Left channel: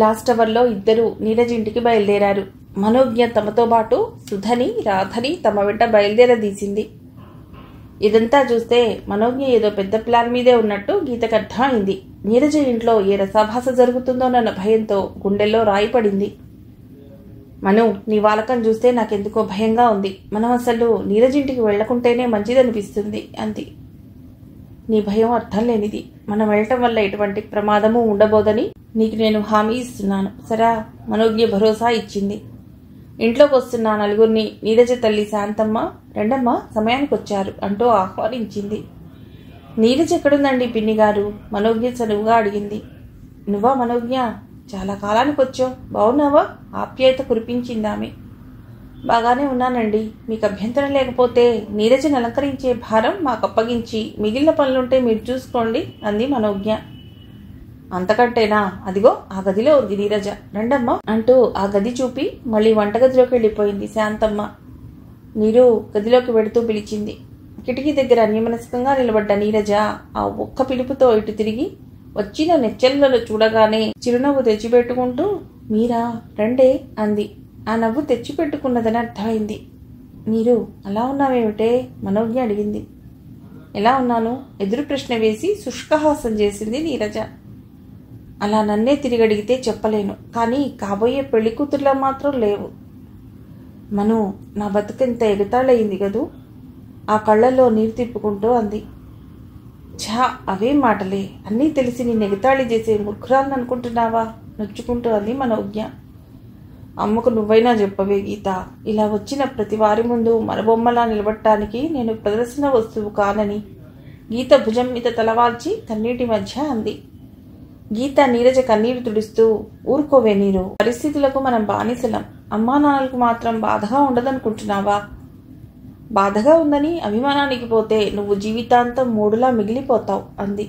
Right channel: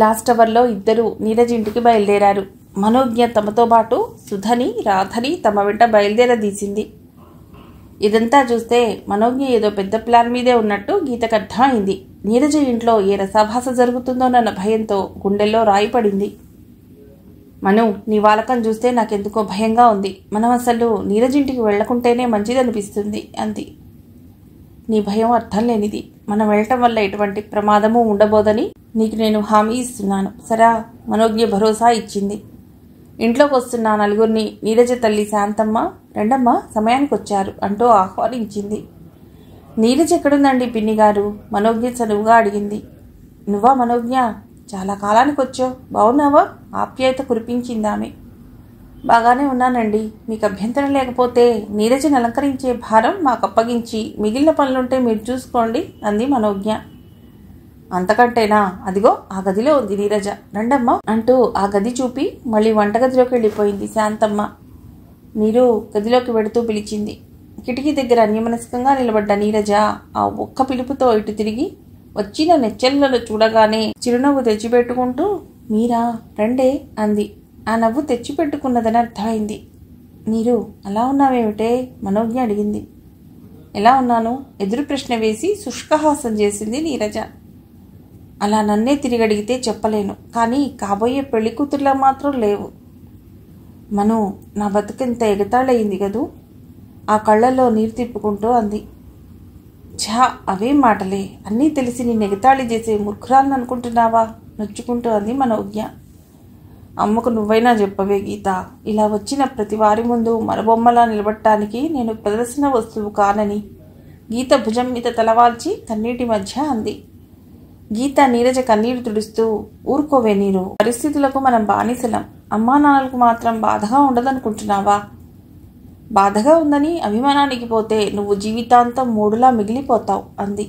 Last అవర్లో ఇద్దరు నీరజ్ ఇంటికి బయలుదేరారు. మనోజ్ఞ తమతో పాటు సుధని, రాధని తమ వెంట బయలుదేరదీసింది. ఇదంతా చూస్తే మనోజ్ఞ ఏదో పెద్ద ప్లాన్ మీదే ఉన్నట్టు గీతకు అర్థమైంది. నీరజ ఇంట్లో ఏ రసాభాస జరుగుతుందోనన్న భయంతో గుండెల్లో రాయి పడింది. మను, నీ వాలకం చూస్తే నాకెందుకో భయంగా ఉంది. మనం అసలు నీరజ్ ఇంటికి వెళ్లకుంటేనే మంచిదనిపిస్తుంది అంది. నీ భయం అర్థం లేనిది. మనం వెళ్ళటం వల్ల ఎటువంటి ప్రమాదము ఉండబోదని నీకు నేను హామీ ఇస్తున్నాను సరా. మనోజ్ఞ భరోసా ఇచ్చింది. ఇంట్లోకి వస్తున్న నలుగురిని నీరజ తల్లి శాంతమ్మ, రెండమ్మ సమయానికి వచ్చారు అంటూ ఆహ్వానించింది. నీరజ్ ఎక్కడుందండి పిన్ని గారు? మనోజ్ఞ చనువుగా అడిగింది. నువ్వా మనోజ్ఞ? చాలా కాలానికి వచ్చావు, బావున్నావా? ఆప్యాయత కురిపించింది ఆమె. బాగానే ఉన్నానండి. మీకు అభ్యంతరం లేకపోతే నీరజను అలంకరించే భారం మాకు అప్పగించి మిగిలిన పనులుంటే మీరు చూసుకోండి అంది మనోజ్ఞ. అంతకంటేనా? అదిగో ఆ గదిలో ఉంది నీరజ, రండమ్మ అంటూ ఆ గది చూపి మళ్ళీ వంటగదిలోకి వెళ్ళిపోయింది శాంతమ్మ. నీరు గదిలోకి వెడుతూ పిలిచింది. కిటికీ దగ్గర అన్యమనస్కంగా నిలబడ్డ నీరజ ఆ ఒక్క పిలుపుతో ఇటు తిరిగి వచ్చిన నెచ్చెలను చూడగానే చిరునవ్వు తెచ్చిపెట్టుకుంటూ మీరా రండే అంది. ఆ నవ్వు తెచ్చిపెట్టుకున్నదని అర్థమైంది. నీరు అలా ఉన్నావేమిటే? మనోజ్ఞ అడిగింది. ఎలా ఉన్నాను? ఎదురు ప్రశ్న వేసి శుష్కహాసం చేసింది నీరజ. అలా నన్నే తిరిగి అడిగితే చెప్పలేను, కానీ కాబోయే పెళ్లి కూతుర్లా మాత్రం లేవు. మను, నా బతుకెంత ఎగతాళయింది కదూ? ఆ కళ్ళల్లో నీరు తిప్పుకుంటూ అంది. ఛా, అవేం మాటలే. అన్నీ తెలిసి నీ ఎగతాళి చేసే మూర్ఖురాలను అనుకుంటున్నావా? నొచ్చుకుంటూ అంది మనోజ్ఞ. అమ్మకు నువ్వైనా చెప్పవే గీత. ఇలా వచ్చిన ప్రతి వారి ముందు మరబొమ్మలా నిలబడటానికి నేను ప్రదర్శన వస్తువు కానని గీత భుజం మీద తలవాల్చి కన్నీటి మధ్య అంది. గీత నీరజ కన్నీరు తుడుస్తూ ఊరుకోవే నీరు, పరిస్థితులకు మనం బానిసలం. అమ్మా నాన్నలకు మాత్రం బాధగా ఉండదనుకుంటున్నావా? బాధగా ఉందని అభిమానానికి పోతే నువ్వు జీవితాంతం మూడులా మిగిలిపోతావు అంది.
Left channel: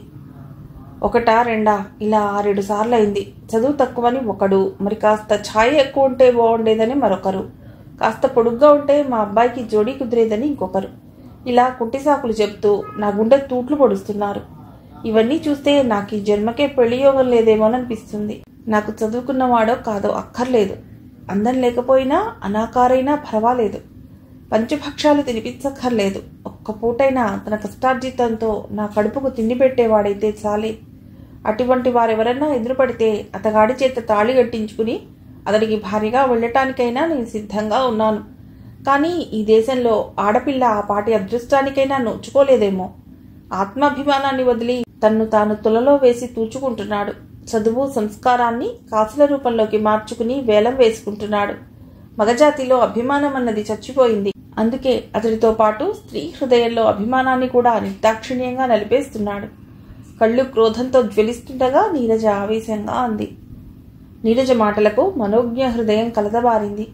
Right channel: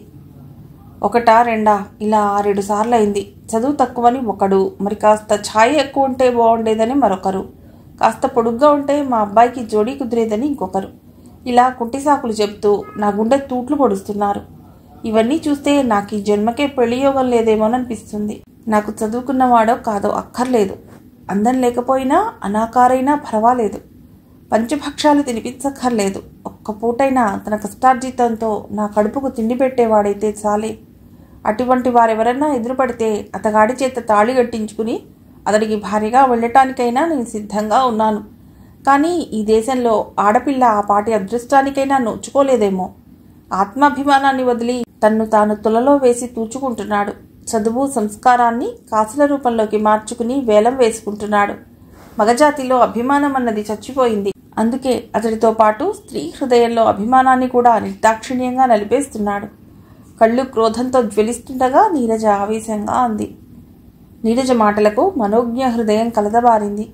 ఒకటా రెండా? ఇలా 6-7 సార్లు అయింది. చదువు తక్కువని ఒకడు, మరి కాస్త ఛాయ్ ఎక్కువ ఉంటే బాగుండేదని మరొకరు, కాస్త పొడుగ్గా ఉంటే మా అబ్బాయికి జోడీ కుదిరేదని ఇంకొకరు, ఇలా కుంటిసాకులు చెప్తూ నా గుండె తూట్లు పొడుస్తున్నారు. ఇవన్నీ చూస్తే నాకు ఈ జన్మకే పెళ్లి యోగం లేదేమోననిపిస్తుంది. నాకు చదువుకున్నవాడో కాదో అక్కర్లేదు, అందం లేకపోయినా అనాకారైనా పర్వాలేదు, పంచభక్షాలు తినిపించక్కర్లేదు, ఒక్క పూటైనా తన కష్టార్జితంతో నా కడుపుకు తిండి పెట్టేవాడైతే చాలే. అటువంటి వారెవరన్నా ఎదురుపడితే అతగాడి చేత తాళి కట్టించుకుని అతడికి భార్యగా వెళ్ళటానికైనా నేను సిద్ధంగా ఉన్నాను. కానీ ఈ దేశంలో ఆడపిల్ల ఆ పాటి అదృష్టానికైనా నోచుకోలేదేమో. ఆత్మాభిమానాన్ని వదిలి తన్ను తాను తులలో వేసి తూచుకుంటున్నాడు. చదువు సంస్కారాన్ని కాసుల రూపంలోకి మార్చుకుని వేలం వేసుకుంటున్నాడు. మగజాతిలో అభిమానం అన్నది చచ్చిపోయింది. అందుకే అతడితో పాటు స్త్రీ హృదయంలో అభిమానాన్ని కూడా నిర్దాక్షిణ్యంగా నలిపేస్తున్నాడు. కళ్ళు క్రోధంతో జ్వలిస్తుండగా నీరజ ఆవేశంగా అంది. నీరజ మాటలకు మనోజ్ఞ హృదయం కలదబారింది.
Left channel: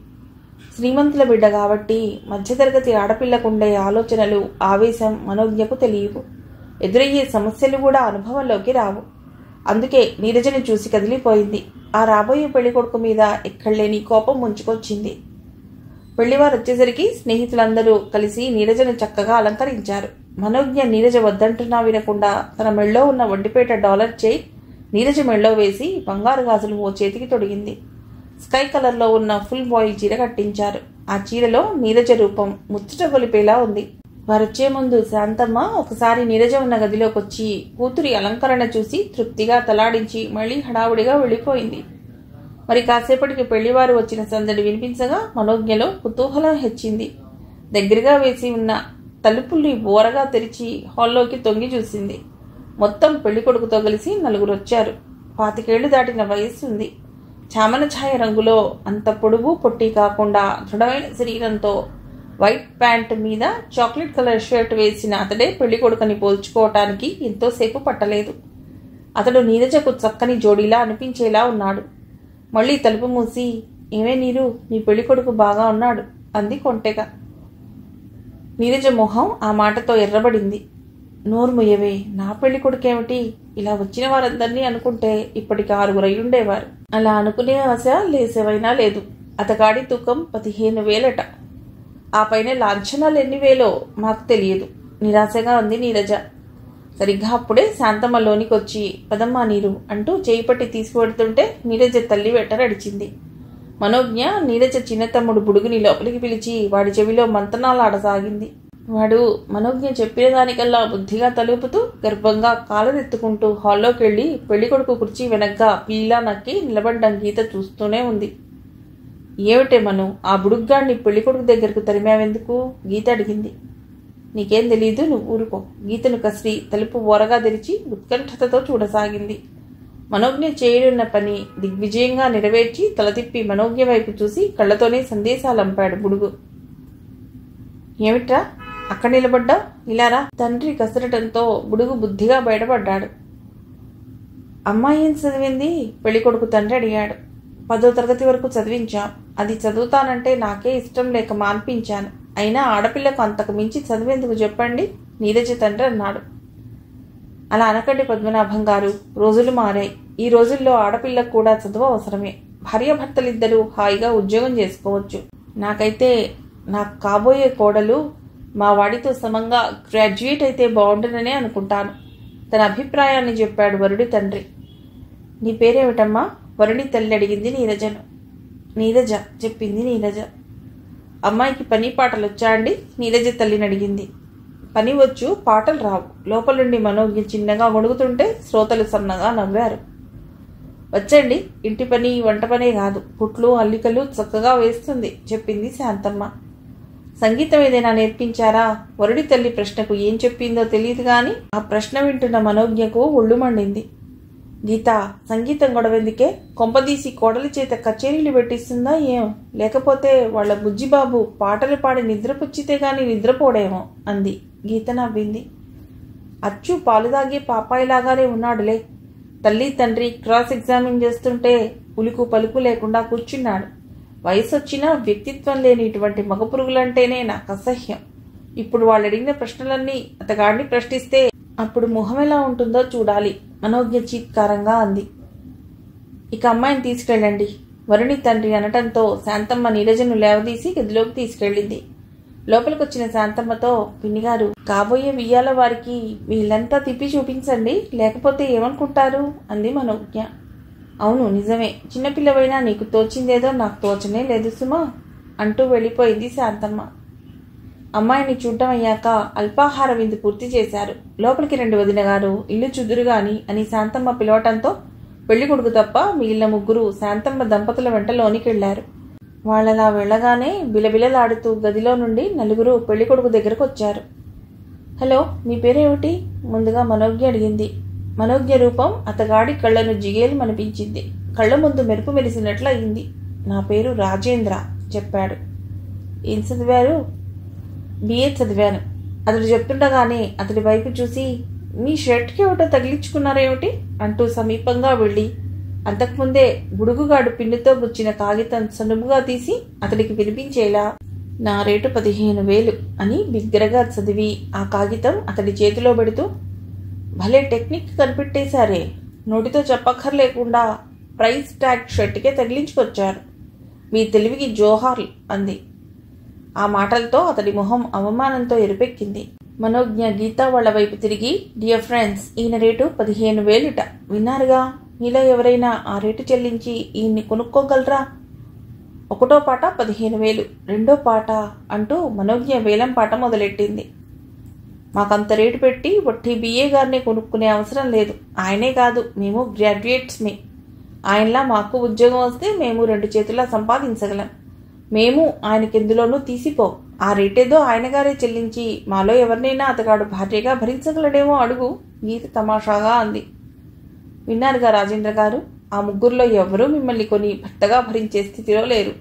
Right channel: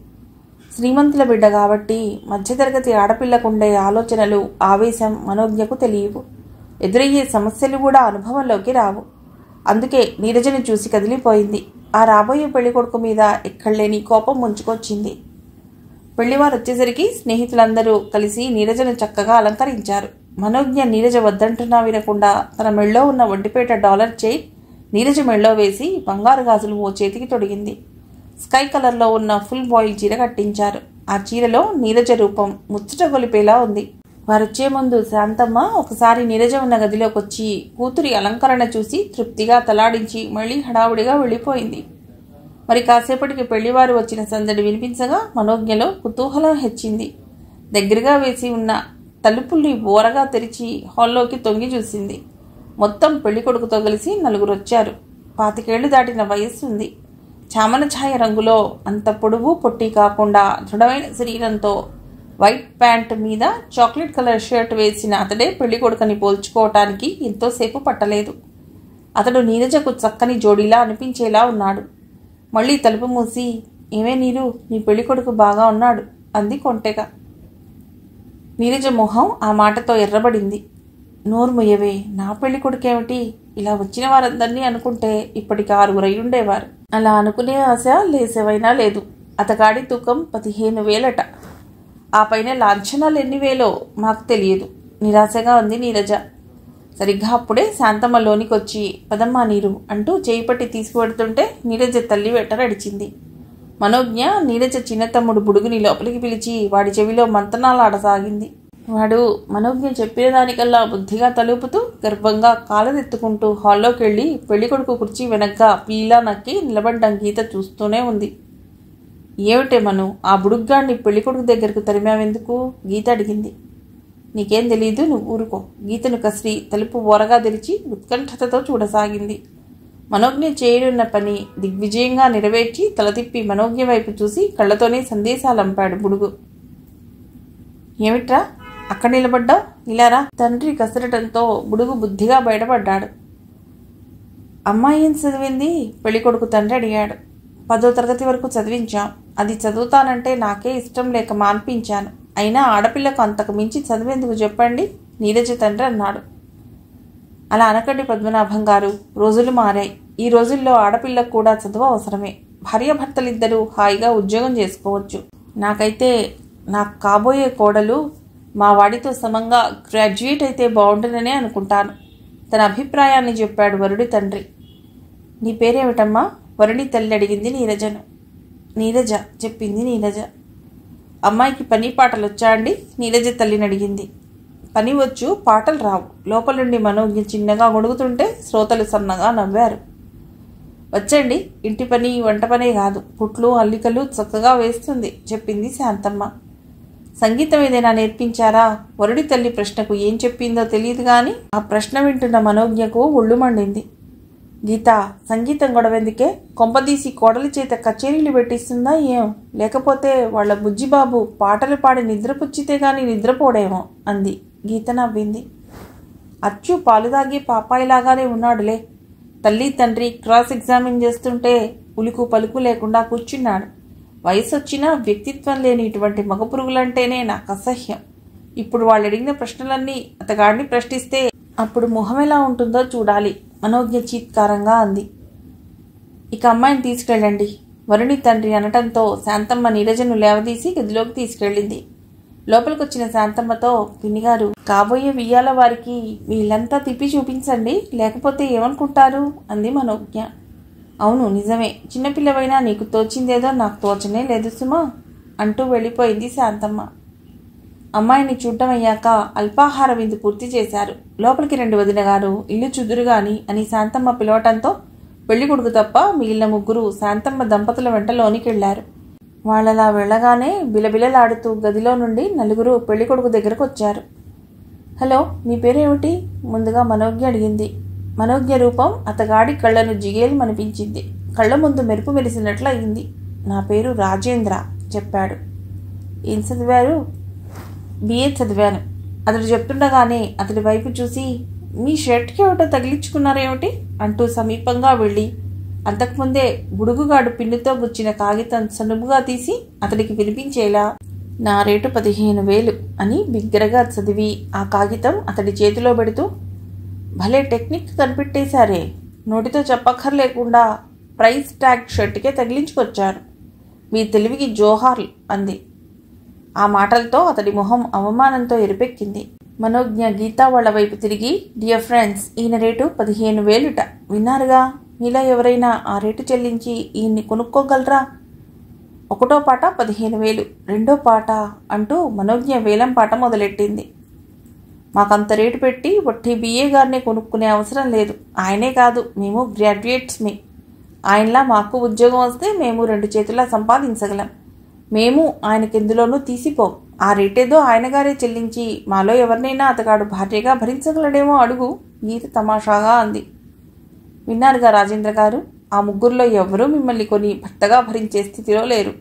శ్రీమంతుల బిడ్డ కాబట్టి మధ్యతరగతి ఆడపిల్లకుండే ఆలోచనలు, ఆవేశం మనోజ్ఞకు తెలియవు. ఎదురయ్యే సమస్యలు కూడా అనుభవంలోకి రావు. అందుకే నీరజను చూసి కదిలిపోయింది. ఆ రాబోయే పెళ్లి కొడుకు మీద ఎక్కడలేని కోపం ముంచుకొచ్చింది. పెళ్లివారు వచ్చేసరికి స్నేహితులందరూ కలిసి నీరజను చక్కగా అలంకరించారు. మనోజ్ఞ నీరజ వద్దంటున్నా వినకుండా తన మెళ్ళో ఉన్న ఒంటిపేట డాలర్ చైన్ నీరజ మెళ్ళో వేసి బంగారు గాజులు ఓ చేతికి తొడిగింది. స్కై కలర్లో ఉన్న ఫుల్ బాయిల్ చీర కట్టించారు. ఆ చీరలో నీరజ రూపం ముచ్చట గొలిపేలా ఉంది. వారొచ్చే ముందు శాంతమ్మ ఒకసారి నీరజ ఉన్న గదిలోకి వచ్చి కూతురి అలంకరణ చూసి తృప్తిగా తలాడించి మళ్లీ హడావుడిగా వెళ్ళిపోయింది. మరి కాసేపటికి పెళ్లివారు వచ్చిన సందడి వినిపించగా మనోజ్ఞలో కుతూహలం హెచ్చింది. దగ్గరగా వేసి ఉన్న తలుపుల్ని బోరగా తెరిచి హాల్లోకి తొంగి చూసింది. మొత్తం పెళ్లి కొడుకుతో కలిసి 4 వచ్చారు. 25 ఏళ్లు దాటిన వయస్సు ఉంది. చామన ఛాయ రంగులో అంత పొడుగు పొట్టి కాకుండా దృఢమైన శరీరంతో వైట్ ప్యాంట్ మీద చాక్లెట్ కలర్ షర్ట్ వేసిన అతడే పెళ్లి కొడుకుని పోల్చుకోవటానికి ఎంతోసేపు పట్టలేదు. అతడు నీరజకు చక్కని జోడీలా అనిపించేలా ఉన్నాడు. మళ్లీ తలుపు మూసి, ఏమే నీరు, నీ పెళ్లి కొడుకు బాగా ఉన్నాడు అంది కొంటెగా. నీరజ మొహం ఆ మాటతో ఎర్రబడింది. నోరు ముయ్యవే, నా పెళ్లి కొడుకేమిటి? ఇలా వచ్చిన వారందరినీ అనుకుంటే ఇప్పటికి 6 అయ్యుండేవారు. అలా అనుకునే ఆశ లేసేవైనా లేదు. అతగాడి తూకం 15,000. ఆ పైన లాంఛనాలు ఎన్ని వేలో మాకు తెలియదు. నిరాశగా ఉంది నీరజ. సరిగ్గా అప్పుడే శాంతమ్మ లోనికొచ్చి పదమ్మా నీరు అంటూ చేయి పట్టి తీసుకువెడుతుంటే నీరజ తల్లి వెంట నడిచింది. మనోజ్ఞ నీరజ చిన్న తమ్ముడు బుడుగుని లోపలికి పిలిచి వాడి చెవిలో మంతనాలాడసాగింది. వాడు మనోజ్ఞ చెప్పిన దానికల్లా బుద్ధిగా తలుపుతూ గర్భంగా కాలరెత్తుకుంటూ హాల్లోకి వెళ్ళి పెళ్లికొడుకు కుర్చీ వెనక్గా పీలా నక్కి నిలబడ్డం గీత చూస్తూనే ఉంది. ఏమిటే మను, ఆ బుడుగ్గాడిని పెళ్లికొడుకు దగ్గరకు తరిమావెందుకు? గీత అడిగింది. నీకేం తెలీదు, నువ్వు ఊరుకో. గీతను కసిరి తలుపు ఓరగా తెరిచి ఉత్కంఠతతో చూడసాగింది. మనోజ్ఞ చేయనున్న పని దిగ్విజయంగా నెరవేర్చి తల తిప్పి మనోజ్ఞ వైపు చూసి కళ్ళతోనే సందేశాలంపాడు బుడుగు. ఏమిట్రా అక్కడ నిలబడ్డా? ఇలారా. తండ్రి కసరటంతో బుడుగు బుద్ధిగా బయటపడ్డాడు. అమ్మాయి ఏం చదివింది? పెళ్లికొడుకు తండ్రి అడిగాడు. 10వ తరగతి వరకు చదివించాం. అది చదువుతానంటే నాకే ఇష్టం లేక మాన్పించాను. అయినా ఆడపిల్లకు అంతకు మించి చదివేందుకు చెప్పండి, నీరజ తండ్రి అన్నాడు. అలా అనకండి పద్మనాభం గారు, రోజులు మారాయి. ఈ రోజుల్లో ఆడపిల్లకు కూడా చదువు అవసరమే. భార్యాభర్తలిద్దరూ హాయిగా ఉద్యోగం చేసుకోవచ్చు. నాకైతే నాకు కాబోయే కోడలు మా వాడితో సమంగా గ్రాడ్యుయేట్ అయితే బాగుంటుందనే అనుకుంటాను. తన అభిప్రాయాన్ని చెప్పాడు వరుడి తండ్రి. నీ పేరేమిటమ్మా? వరుడి తల్లి అడిగింది నీరజను. నీరజ చెప్పింది నీరజ. అమ్మాయికి పని పాటలు వచ్చా అండి? నీరజ తల్లిని అడిగింది. పని వచ్చు, పాటలు రావు. లోపల నుండి మనోజ్ఞ చిన్నగా గొడుగుతుంటే శ్రోతలు సన్నగా నవ్వారు. వచ్చండి, ఇంటి పని వంట పనే కాదు, కుట్లు అల్లికలు చక్కగా వేస్తుంది చెప్పింది శాంతమ్మ. సంగీతం ఏదైనా నేర్పించారా? వరుడి తల్లి ప్రశ్నకు ఏం చెప్పిందో తెలియదు గాని ఆ ప్రశ్న వింటున్న మనోజ్ఞకు ఒళ్ళు మండింది. గీత, సంగీతం గొడవెందుకే? కొంపదీసి కోడలి చేత కచేరీలు పెట్టిస్తుందా ఏం? లేకపోతే వాళ్ల బుజ్జిబాబు పాటలు పాడి నిద్రపుచ్చితే గాని నిద్రపోడేమో అంది. గీత నవ్వింది. అచ్చు పాలు తాగే పాపాయిలాగానే ఉన్నాడులే. తల్లి తండ్రి క్రాస్ ఎగ్జామిన్ చేస్తుంటే ఉలుకు పలుకు లేకుండా కూర్చున్నాడు. వయసొచ్చినా వ్యక్తిత్వం లేని ఇటువంటి మగపురుగులంటేనే నాకు అసహ్యం. ఇప్పుడు వాళ్ళు అడిగిన ప్రశ్నలన్నీ అతగాడిని ప్రశ్నిస్తే అప్పుడు ముఖం ఎలా ఉంటుందో చూడాలి, మనోజ్ఞ చీత్కారంగా అంది. ఇక అమ్మాయిని తీసుకెళ్ళండి, వరుణి తండ్రి అనటంతో శాంతమ్మ నీరజను లేవదీసి గదిలోకి తీసుకెళ్ళింది. లోపలికొచ్చిన శాంతమ్మతో, పిన్నిగారు, కాబోయే వియ్యాల వారికి వీళ్ళంతా తిప్పి చూపించండి, లేకపోతే ఏమనుకుంటారు అంది మనోజ్ఞ. అవును నిజమే, చిన్నపిల్లవైనా నీకు తోచిందేదో నాకు తోచనే లేదు సుమా అంటూ వెళ్ళిపోయింది శాంతమ్మ. అమ్మాయిని చూడటం అయ్యాక అల్పాహార విందు పూర్తి చేశారు. లోపలికి 2 వదిన గారు, ఇల్లు చుదురుగాని అని శాంతమ్మ పిలవటంతో పెళ్లికొడుకు తప్ప మిగిలిన ముగ్గురు శాంతమ్మ దంపతుల వెంట లోనికెళ్లారు. వాళ్ళలా వెళ్ళగానే బిలబిలలాడుతూ గదిలో నుండి 4 పెళ్లికొడుకు దగ్గరకు వచ్చారు. హలో, మీ పేరేమిటి? ముందుగా మనోజ్ఞ అడిగింది. మనోజ్ఞ రూపం అతగాడి కళ్లను జిగేల్మనిపించింది. కళ్ల ముందు మెరుపు మెరిసినట్లు అయింది. నా పేరు రాజేంద్ర చెప్పాడు. ఏం చదివారు? బిఏ చదివాను. అతడు చెప్తుండగానే అతడి వైపు చూసి, మీ షర్ట్కి ఏమిటో తగిలించుకున్నారేమిటి అంటూ సమీపంగా వెళ్ళి అంతకుముందే బుడుగుగాడు పిన్నుతో గుచ్చిన కాగితం సనువుగా తీసి అతడికి వినిపించేలా, నా రేటు 15,000 అని బిగ్గరగా చదివి ఆ కాగితం అతడి చేతిలో పెడుతూ, భలే టెక్నిక్ కనిపెట్టేశారే, నోటితో చెప్పక్కర్లేకుండా ప్రైస్ ట్యాగ్ షర్ట్కే తగిలించుకొచ్చారు. మీ తెలివికి జోహార్లు అంది. ఆ మాటలతో అతడి మొహం అవమానంతో ఎరుపెక్కింది. మనోజ్ఞ గీతా వాళ్ల వైపు తిరిగి, డియర్ ఫ్రెండ్స్, ఈయన రేటు 15,000 విన్నారుగా. మీలో ఎవరైనా ఆ రేటు చెల్లించి ఈయన్ని కొనుక్కోగలరా? 1వ పాట 15,000, 2వ పాట అంటూ మనోజ్ఞ వేలం పాట మొదలెట్టింది. మాకంత రేటు పెట్టి వట్టి బిఏ గారినే కొనుక్కునే అవసరం లేదు. ఆయనే కాదు, మేము గ్రాడ్యుయేట్స్మే. ఆయనలా మాకు ఉద్యోగం వస్తే మేము 2 చేతులా సంపాదించగలం. మేము ఆయనకెందులోనూ తీసిపోం. ఆ రేటేదో ఆయనగారే చెల్లించి మాలో ఎవరినైనా అతగాడు భార్యగా భరించగలడేమో అడుగు, గీత తమాషాగా అంది. విన్నారుగా రాజేంద్ర గారు, ఆ ముగ్గురులో ఎవరూ మిమ్మల్ని కొని భర్తగా భరించే స్థితిలో లేరు.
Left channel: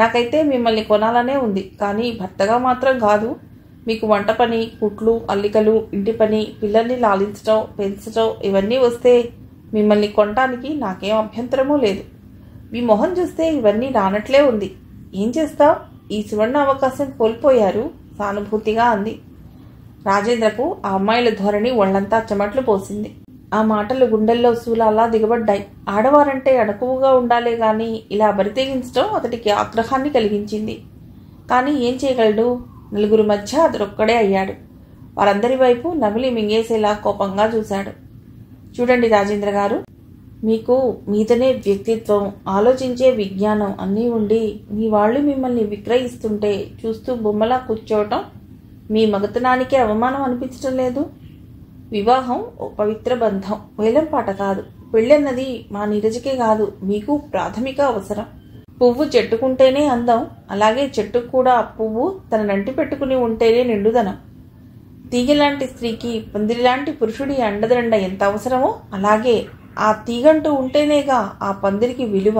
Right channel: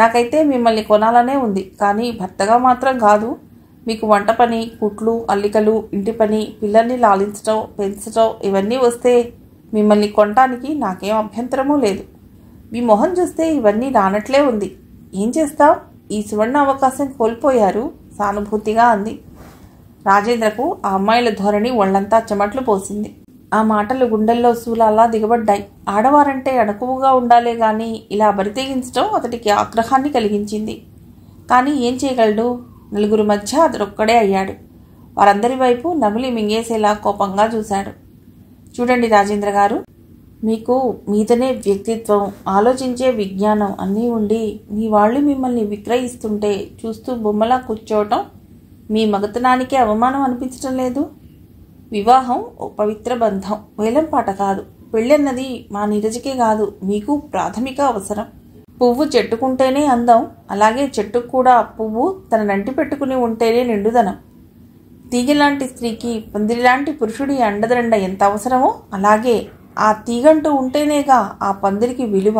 నాకైతే మిమ్మల్ని కొనాలనే ఉంది, కానీ భర్తగా మాత్రం కాదు. మీకు వంట పని, కుట్లు, అల్లికలు, ఇంటి పని, పిల్లల్ని లాలించటం, పెంచటం ఇవన్నీ వస్తే మిమ్మల్ని కొనటానికి నాకేం అభ్యంతరమూ లేదు. మీ మొహం చూస్తే ఇవన్నీ రానట్లే ఉంది. ఏం చేస్తావు? ఈ సువర్ణ అవకాశం కోల్పోయారు సానుభూతిగా అంది. రాజేంద్రకు ఆ అమ్మాయిల ధోరణి ఒళ్లంతా చెమట్లు పోసింది. ఆ మాటలు గుండెల్లో శూలాలా దిగబడ్డాయి. ఆడవారంటే అణకువగా ఉండాలే గాని ఇలా బరితెగించడం అతడికి ఆగ్రహాన్ని కలిగించింది. కానీ ఏం చేయగలడు? 4 మధ్య అతడొక్కడే అయ్యాడు. వారందరి వైపు నమిలి మింగేసేలా కోపంగా చూశాడు. చూడండి రాజేంద్ర గారు, మీకు మీదనే వ్యక్తిత్వం, ఆలోచించే విజ్ఞానం అన్నీ ఉండి మీ వాళ్ళు మిమ్మల్ని విక్రయిస్తుంటే చూస్తూ బొమ్మలా కూర్చోవటం మీ మగతనానికే అవమానం అనిపించటం లేదు? వివాహం ఓ పవిత్ర బంధం, వేలంపాట కాదు. పెళ్ళన్నది మా నీరజకే కాదు, మీకు ప్రాథమిక అవసరం. పువ్వు చెట్టుకుంటేనే అందం, అలాగే చెట్టుకు కూడా పువ్వు తన నంటి పెట్టుకుని ఉంటేనే నిండుదనం. తీగలాంటి స్త్రీకి పందిరిలాంటి పురుషుడి అండదండ ఎంత అవసరమో అలాగే ఆ తీగంటూ ఉంటేనేగా ఆ పందిరికి విలువ.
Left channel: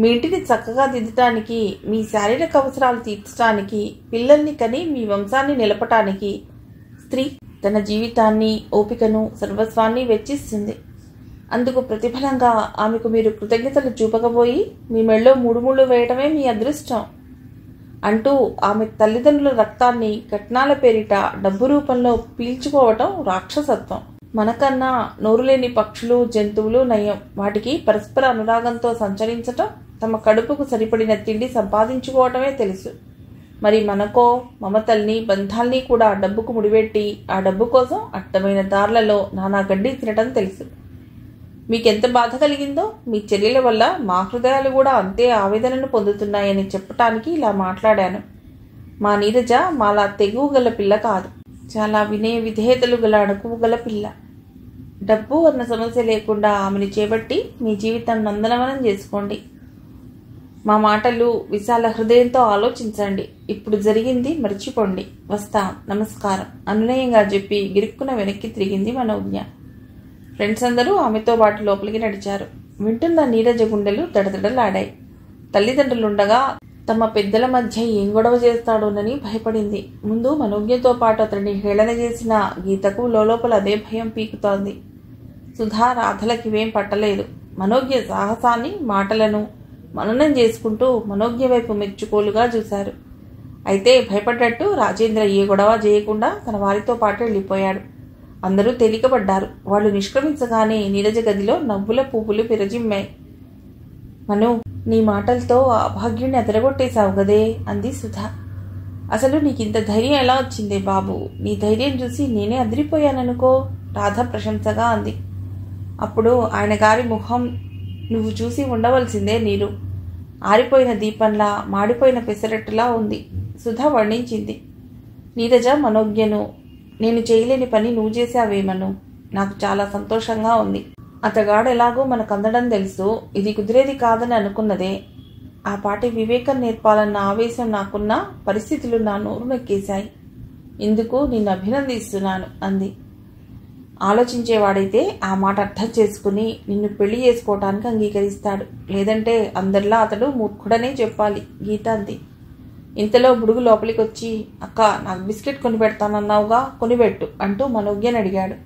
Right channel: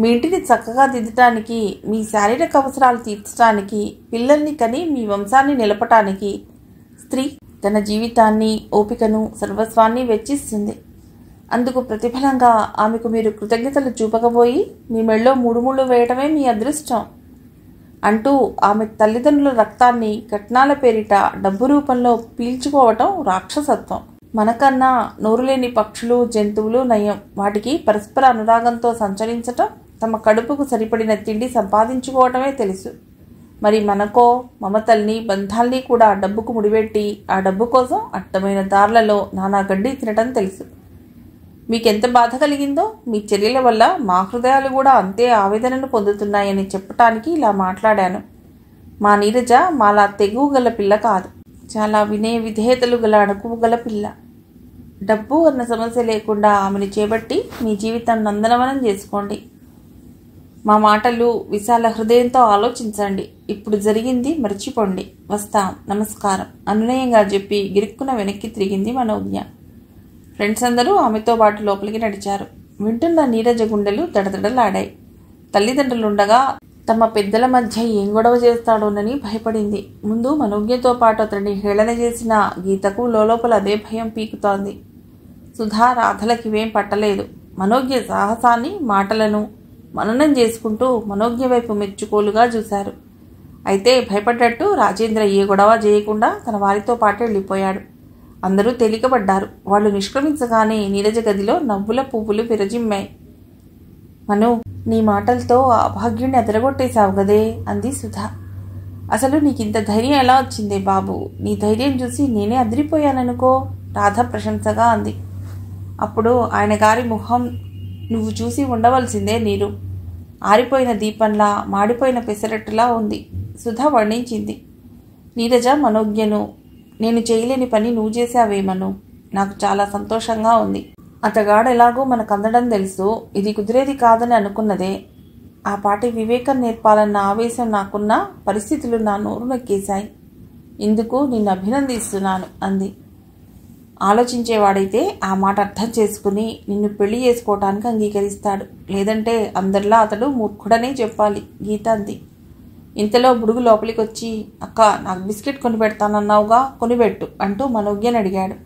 మీ ఇంటిని చక్కగా దిద్దటానికి, మీ శారీరక అవసరాలు తీర్చడానికి, పిల్లల్ని కని మీ వంశాన్ని నిలపటానికి స్త్రీ తన జీవితాన్ని, ఓపికను, సర్వస్వాన్ని వెచ్చిస్తుంది. అందుకు ప్రతిఫలంగా ఆమెకు మీరు కృతజ్ఞతలు చూపకపోయి మీ మెళ్ళో మూడు ముళ్ళు వేయటమే మీ అదృష్టం అంటూ ఆమె తల్లిదండ్రుల రక్తాన్ని కట్నాల పేరిట డబ్బు రూపంలో పీల్చుకోవటం రాక్షసత్వం. మనకన్నా నోరులేని పక్షులు, జంతువులు నయం. వాటికి పరస్పర అనురాగంతో సంచరించటం, తమ కడుపుకు సరిపడిన తిండి సంపాదించుకోవటమే తెలుసు. మరి మనకో మమతల్ని, బంధాల్ని కూడా డబ్బుకు ముడిపెట్టి ఆ డబ్బు కోసం అడ్డమైన దారులలో నానా గడ్డి తినటం తెలుసు. మీకెంత బాధ కలిగిందో మీ చర్యల వల్ల మా హృదయాలు కూడా అంతే ఆవేదనను పొందుతున్నాయని చెప్పటానికి ఇలా మాట్లాడాను. మా నీరజ మాలా తెగువ గల పిల్ల కాదు, చాలా వినయ విధేయతలు గల అణకువ గల పిల్ల. డబ్బు అన్న సమస్య లేకుండా ఆమెను చేపట్టి మీ జీవితాన్ని నందనవనం చేసుకోండి. మా మాటలు విశాల హృదయంతో ఆలోచించండి. ఇప్పుడు జరిగింది మర్చిపోండి. వస్తాం, నమస్కారం అనునయంగా చెప్పి గిరుక్కున వెనక్కి తిరిగింది మనోజ్ఞ. ఫ్రెండ్స్ అందరూ ఆమెతో పాటు లోపలికి నడిచారు. వింటున్న నీరజ గుండెలు దడదడలాడాయి. తల్లిదండ్రులుండగా తమ పెద్దల మధ్య ఏం గొడవ చేస్తాడోనని భయపడింది. ముందు మనోజ్ఞతో పాటు అతడిని హేళన చేసిన గీతకు లోపల అదే భయం పీకుతోంది. సుధా, రాధలకివేం పట్టలేదు. మనోజ్ఞ సాహసాన్ని, మాటలను మననం చేసుకుంటూ మనోజ్ఞ వైపు మెచ్చుకోలుగా చూశారు. అయితే భయపడ్డట్టు రాజేంద్ర ఏ గొడవ చేయకుండా తన వారితో పాటు వెళ్ళిపోయాడు. అందరూ తేలికపడ్డారు. వాళ్ళు నిష్క్రమించగానే నీరజ గదిలో నవ్వుల పువ్వులు విరజిమ్మాయి. మను, నీ మాటలతో ఆ భాగ్యుణ్ణి అదరగొట్టేశావు గదే అంది సుధా. అసలు నీకింత ధైర్యం ఎలా వచ్చిందే బాబు? నీ ధైర్యం చూసి నేనే అదిరిపోయాననుకో రాధ ప్రశంసగా అంది. అప్పుడు ఆయన గారి ముఖం నువ్వు చూసి ఉండవలసిందే నీరు. ఆరిపోయిన దీపంలా, మాడిపోయిన పెసరట్టులా ఉంది సుధ వర్ణించింది. నీరజ మనోజ్ఞను, నేను చేయలేని పని నువ్వు చేశావేమను, నాకు చాలా సంతోషంగా ఉంది. అతగాడు ఎలాగో మనకు అందడం తెలుసు, ఇది కుదిరేది కాదని అనుకున్నదే. ఆ పాటి వివేకం నేర్పాలన్న ఆవేశం నాకున్న పరిస్థితులు నా నోరు నొక్కేశాయి. ఇందుకు నిన్ను అభినందిస్తున్నాను అంది. ఆలోచించేవాడైతే ఆ మాట అర్థం చేసుకుని నిన్ను పెళ్లి చేసుకోవటానికి అంగీకరిస్తాడు. లేదంటే అందరిలా అతడు మూర్ఖుడనే చెప్పాలి గీత అంది. ఇంతలో బుడుగు లోపలికి వచ్చి, అక్క నాకు బిస్కెట్ కొని పెడతానన్నావుగా, కొనిపెట్టు అంటూ మనోజ్ఞని అడిగాడు.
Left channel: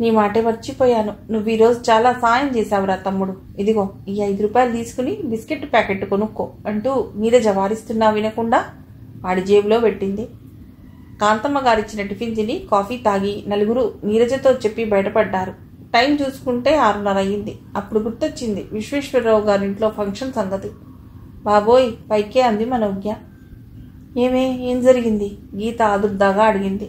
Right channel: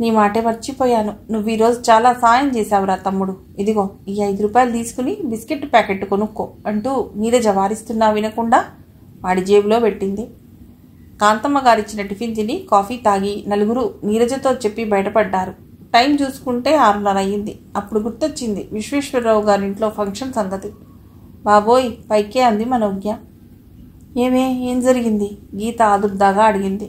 నీ మాటే మర్చిపోయాను, నువ్వు ఈరోజు చాలా సాయం చేశావురా తమ్ముడు. ఇదిగో ఈ 5 రూపాయలు తీసుకుని బిస్కెట్ ప్యాకెట్ కొనుక్కో అంటూ నీరజ వారిస్తున్నా వినకుండా వాడి జేబులో పెట్టింది. కాంతమ్మ గారిచ్చిన టిఫిన్ తిని కాఫీ తాగి నలుగురు నీరజతో చెప్పి బయటపడ్డారు. టైం చూసుకుంటే 6:30 అయ్యింది. అప్పుడు గుర్తొచ్చింది విశ్వేశ్వరరావు గారింట్లో ఫంక్షన్ సంగతి. బాబోయ్, పైకే అంది మనోజ్ఞ. ఏం జరిగింది? గీత ఆదుర్దాగా అడిగింది.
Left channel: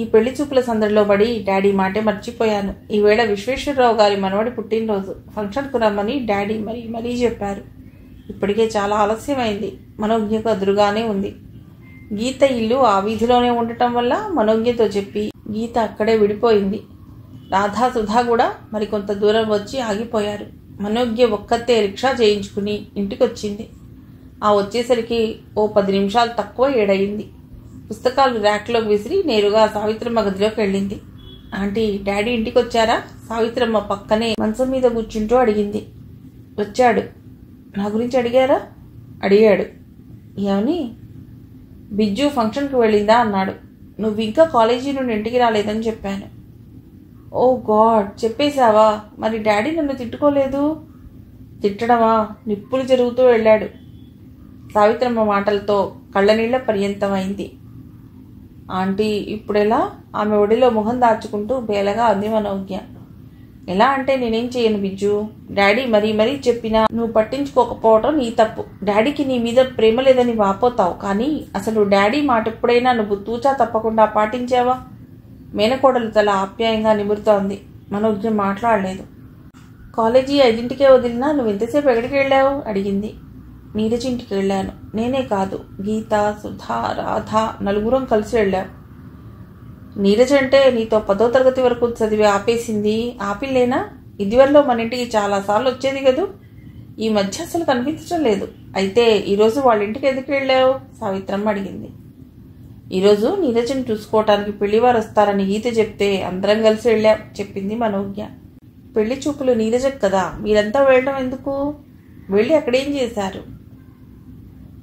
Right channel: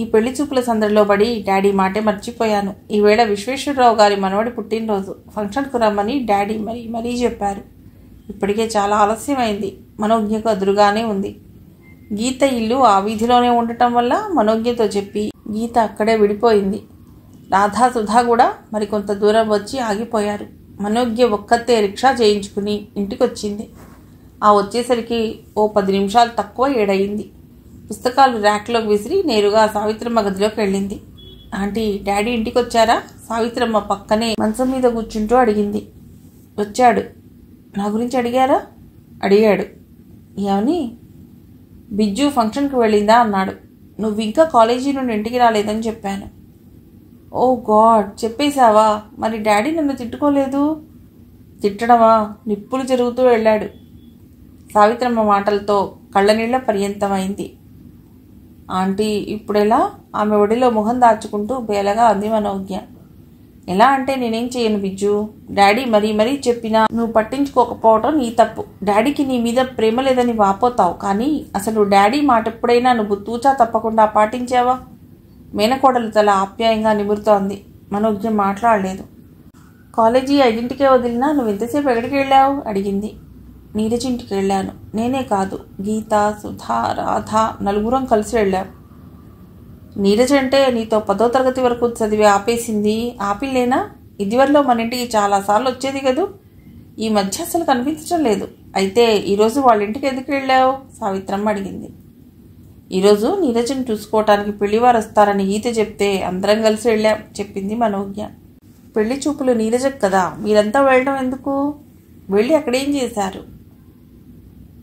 ఈ పెళ్లి చూపుల సందడిలో పడి డాడీ మాటే మర్చిపోయాను. ఈవేళ విశ్వేశ్వరరావు గారి మనవడి పుట్టినరోజు, ఫంక్షన్కు రమ్మని డాడీ మరీ చెప్పారు. ఇప్పటికే చాలా ఆలస్యమైంది. మనోజ్ఞకు అదురుగానే ఉంది. గీత ఇల్లు ఆ వీధిలోనే ఉండటం వల్ల మనోజ్ఞతో చెప్పి గీత అక్కడే విడిపోయింది. రాధా, సుధా కూడా మరికొంత దూరం వచ్చి ఆగిపోయారు. మనోజ్ఞ ఒక్కతే రిక్షా చేయించుకుని ఇంటికొచ్చింది. ఆ వచ్చేసరికి ఓ 10 నిమిషాలు తక్కువ 7 అయింది. పుస్తకాలు ర్యాక్లోకి విసిరి నేరుగా సావిత్రమ్మ గదిలోకి వెళ్ళింది. ఆంటీ, డాడీ ఇంటికి వచ్చారా? సావిత్రమ్మ పక్కనే మంచం మీద కూర్చుంటూ అడిగింది. వచ్చాడు. నా గురించి అడిగారా? అడిగాడు. ఏమని? బిజ్జు ఫంక్షన్కి వెళ్ళిందా అన్నాడు. నువ్వు ఇంకా కాలేజీ నుండి ఇంటికి రాలేదని చెప్పాను. ఓ గాడ్, చెప్పేశావా? మరి డాడీ నన్ను తిట్టుకోలేదు? తిట్టడమా? నిప్పులు జరుగుతూ వెళ్ళాడు. సావిత్రమ్మ మాటలతో కళ్ళనీళ్ల పర్యంతమైంది. ఆంటీ, ఇప్పుడెలా? ఆమె ఒడిలో మొహం దాచుకుంటూ బేలగా అంది మనోజ్ఞ. ఎలా అంటే నేనేం చేయను బిజ్జు. డాడీ మరీ మరీ చెప్పినా నువ్వు పట్టించుకోకపోవటం నీ తప్పు. డాడీకి నీ మీద ప్రేమ లేదని వాపోతావు, కానీ అసలు డాడీ మాట ఎప్పుడైనా నువ్వు తూచా తప్పకుండా పాటించావా? మేనకోడలు తల ఆప్యాయంగా నిమురుతోంది. మనోజ్ఞ మాట్లాడలేదు. కాలేజీ 5ంటికే వదిలినా నువ్వు ఎంతసేపు ఎక్కడికి వెళ్ళావు అడిగింది. నీరజ్ ఇంటికి వెళ్ళాను. నేనే కాదు, గీత, సుధా, రాధ నలుగురం కలిసి వెళ్ళాం. నీరజ్ అంటే నీతో 10వ తరగతి వరకు చదివి ఆపేసింది ఆపిల్లేనా? ఇదివరలో మన ఇంటికి చాలాసార్లు వచ్చేది కదూ. ఈ మధ్య అసలు కనిపించడం లేదు. అయితే ఈరోజు వాళ్ళ ఇంటికి ఎందుకు వెళ్ళావు? సావిత్రమ్మ అడిగింది. ఈరోజు నీరజ్ని చూసుకోవటానికి పెళ్లివారు వస్తారని గీత చెప్తే అందరం కలిసి వెళ్ళాం చెప్పింది మనోజ్ఞ. పెళ్లి చూపులు నీరజకు కదా, మీరంతా వెళ్ళడం ఎందుకు? వెళ్ళి అక్కడేం చేశారు?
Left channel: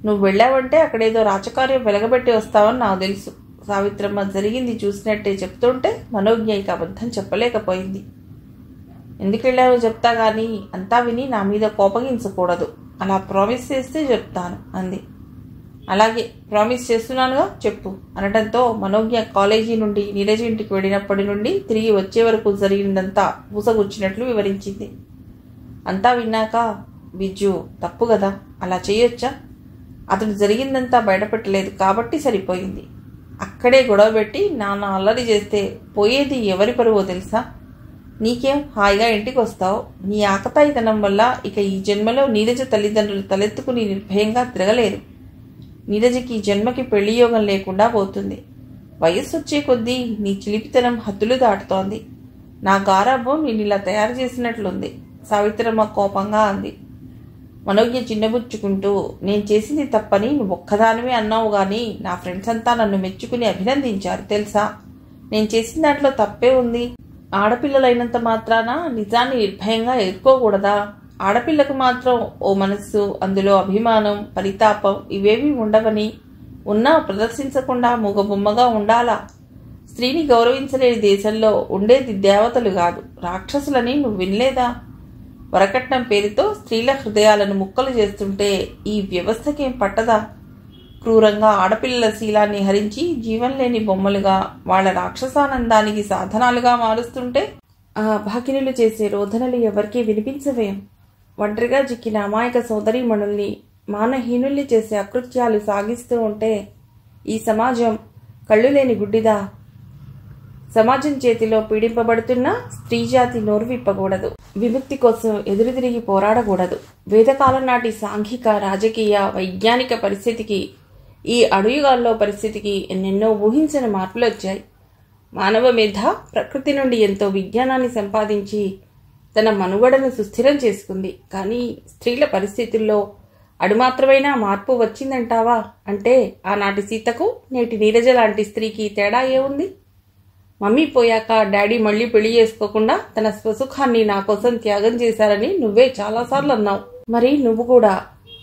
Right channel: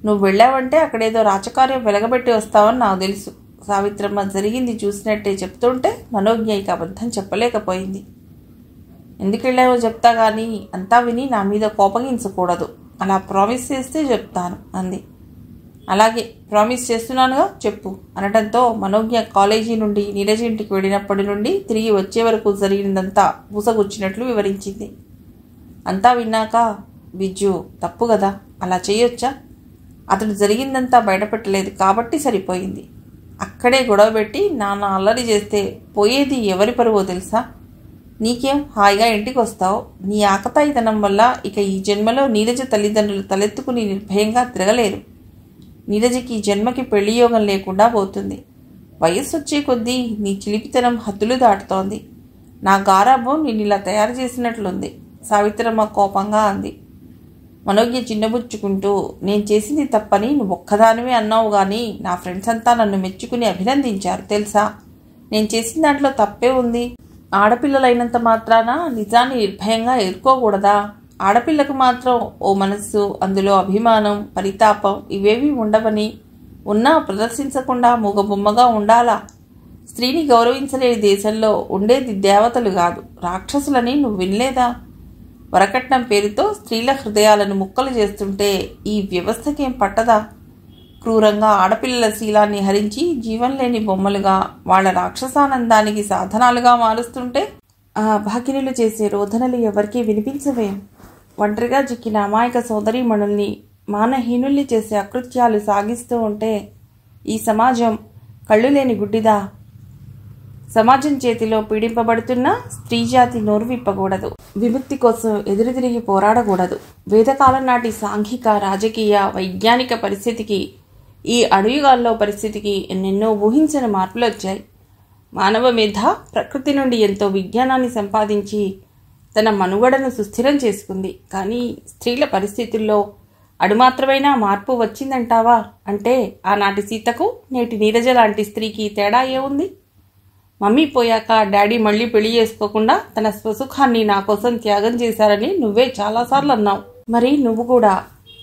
నువ్వు వెళ్ళావంటే అక్కడేదో రాజకార్యం వెలగబెట్టి వస్తావని నాకు తెలుసు. సావిత్రమ్మ జరిగింది చూసినట్టే చెప్తుంటే మనోజ్ఞ ఇక అబద్ధం చెప్పలేకపోయింది. ఎందుకు వెళ్ళారో చెప్తా గానీ అంతా విని నా మీద కోపగించకూడదు. అలా ప్రామిస్ చేస్తే చెప్తాను అంది. అలాగే, ప్రామిస్ చేస్తున్నానుగా, చెప్పు అనడంతో మనోజ్ఞ కాలేజీ నుండి నీరజ్ ఇంటికి వెళ్ళినప్పటి నుండి తిరిగి వచ్చే వరకు జరిగిందంతా పూసగుచ్చినట్లు వివరించింది. అంతా విన్నాక, బిజ్జు తప్పు కదా, అలా చేయొచ్చా? అతడు జరిగిందంతా బయటపెట్టలేదు కాబట్టి సరిపోయింది. అక్కడే గొడవ పెట్టి నాన్న అల్లరి చేస్తే పోయేది ఎవరి పరువో తెలుసా? నీకేం, హాయిగా ఇంటికి వస్తావు. నీ ఆకతాయితనం వల్ల ఇక ఈ జన్మలో నీరజ తల్లిదండ్రులు తలెత్తుకుని నిర్భయంగా తిరగలేరు. నీరజకి జన్మకి పెళ్లి యోగం లేకుండా పోతుంది. వయస్సు వచ్చే కొద్దీ నీ చిలిపితనం హద్దులు దాటుతోంది. నా గారాబం నిన్నిలా తయారు చేసినట్లుంది సావిత్రమ్మ కోపంగా అంది. మనోజ్ఞ చిన్నబుచ్చుకుంటూ, నేను చేసింది తప్పని నువ్వు ఒక్కదానివే అన్నావు గాని నా ఫ్రెండ్స్ అంతా నన్ను మెచ్చుకుని అభినందించారు తెలుసా. నేను చేసిన దాంట్లో తప్పే ఉంది. ఆడపిల్లలైనంత మాత్రాన నిజాన్ని నిర్భయంగా ఎదుర్కోకూడదా? ఆడపిల్లకు మాత్రం ఓ మనస్సు, అందులో అభిమానం, పరితాపం ఇవేమీ ఉండవని, ఉన్నా ప్రదర్శించకుండా మూగబొమ్మగా ఉండాలా? స్త్రీని గౌరవించలేని దేశంలో ఉండేది దేవతలు కాదు, రాక్షసులని నువ్వు వినలేదా? వరకట్నం పేరుతో స్త్రీల హృదయాలను ముక్కలు చేస్తుంటే ఈ వ్యవస్థకేం పట్టదా? క్రూరంగా ఆడపిల్లల శీలాన్ని హరించి జీవం లేని బొమ్మలుగా, వాళ్ల రాక్షసానందానికి సాధనాలుగా మారుస్తుంటే ఆ భాగినులు చేసే రోధనలు ఎవరికీ వినిపించవేం? ఒంటరిగా చిక్కిన అమాయక సోదరీమణుల్ని మానహీనుల్ని చేసే అకృత్యాలు సాగిస్తూ ఉంటే ఈ సమాజం కళ్ళు లేని గుడ్డిదా? సమాజం చేతిలో పీడింపబడుతున్న స్త్రీజాతి నోరు విప్పకూడదు. విముక్తి కోసం ఎదురుతిరిగి పోరాడకూడదు. వేదకాలం నాటి సాంఘిక, రాజకీయ, వైజ్ఞానిక పరిస్థితికి, ఈ అడుగుగాల్లో పరిస్థితికి ఎన్నెన్నో ఊహించని మార్పులు వచ్చాయి. మానవ మేధ ప్రకృతి నుండి ఎంతో విజ్ఞానాన్ని సంపాదించి తన మనుగడను సుస్థిరం చేసుకుంది. కానీ స్త్రీల పరిస్థితుల్లో అడుమాత్రమైనా మార్పు వచ్చిందంటావా? అంటే ఆనాటి సీతకు నేటి నీరజ లాంటి స్త్రీకి తేడా ఏముంది? మమ్మీ పోయాక డాడీ మళ్లీ పెళ్లి చేసుకోకుండా తన స్వసుఖాన్ని నా కోసం త్యాగం చేశారని నువ్వే చాలాసార్లు అన్నావు. మరి నువ్వు కూడా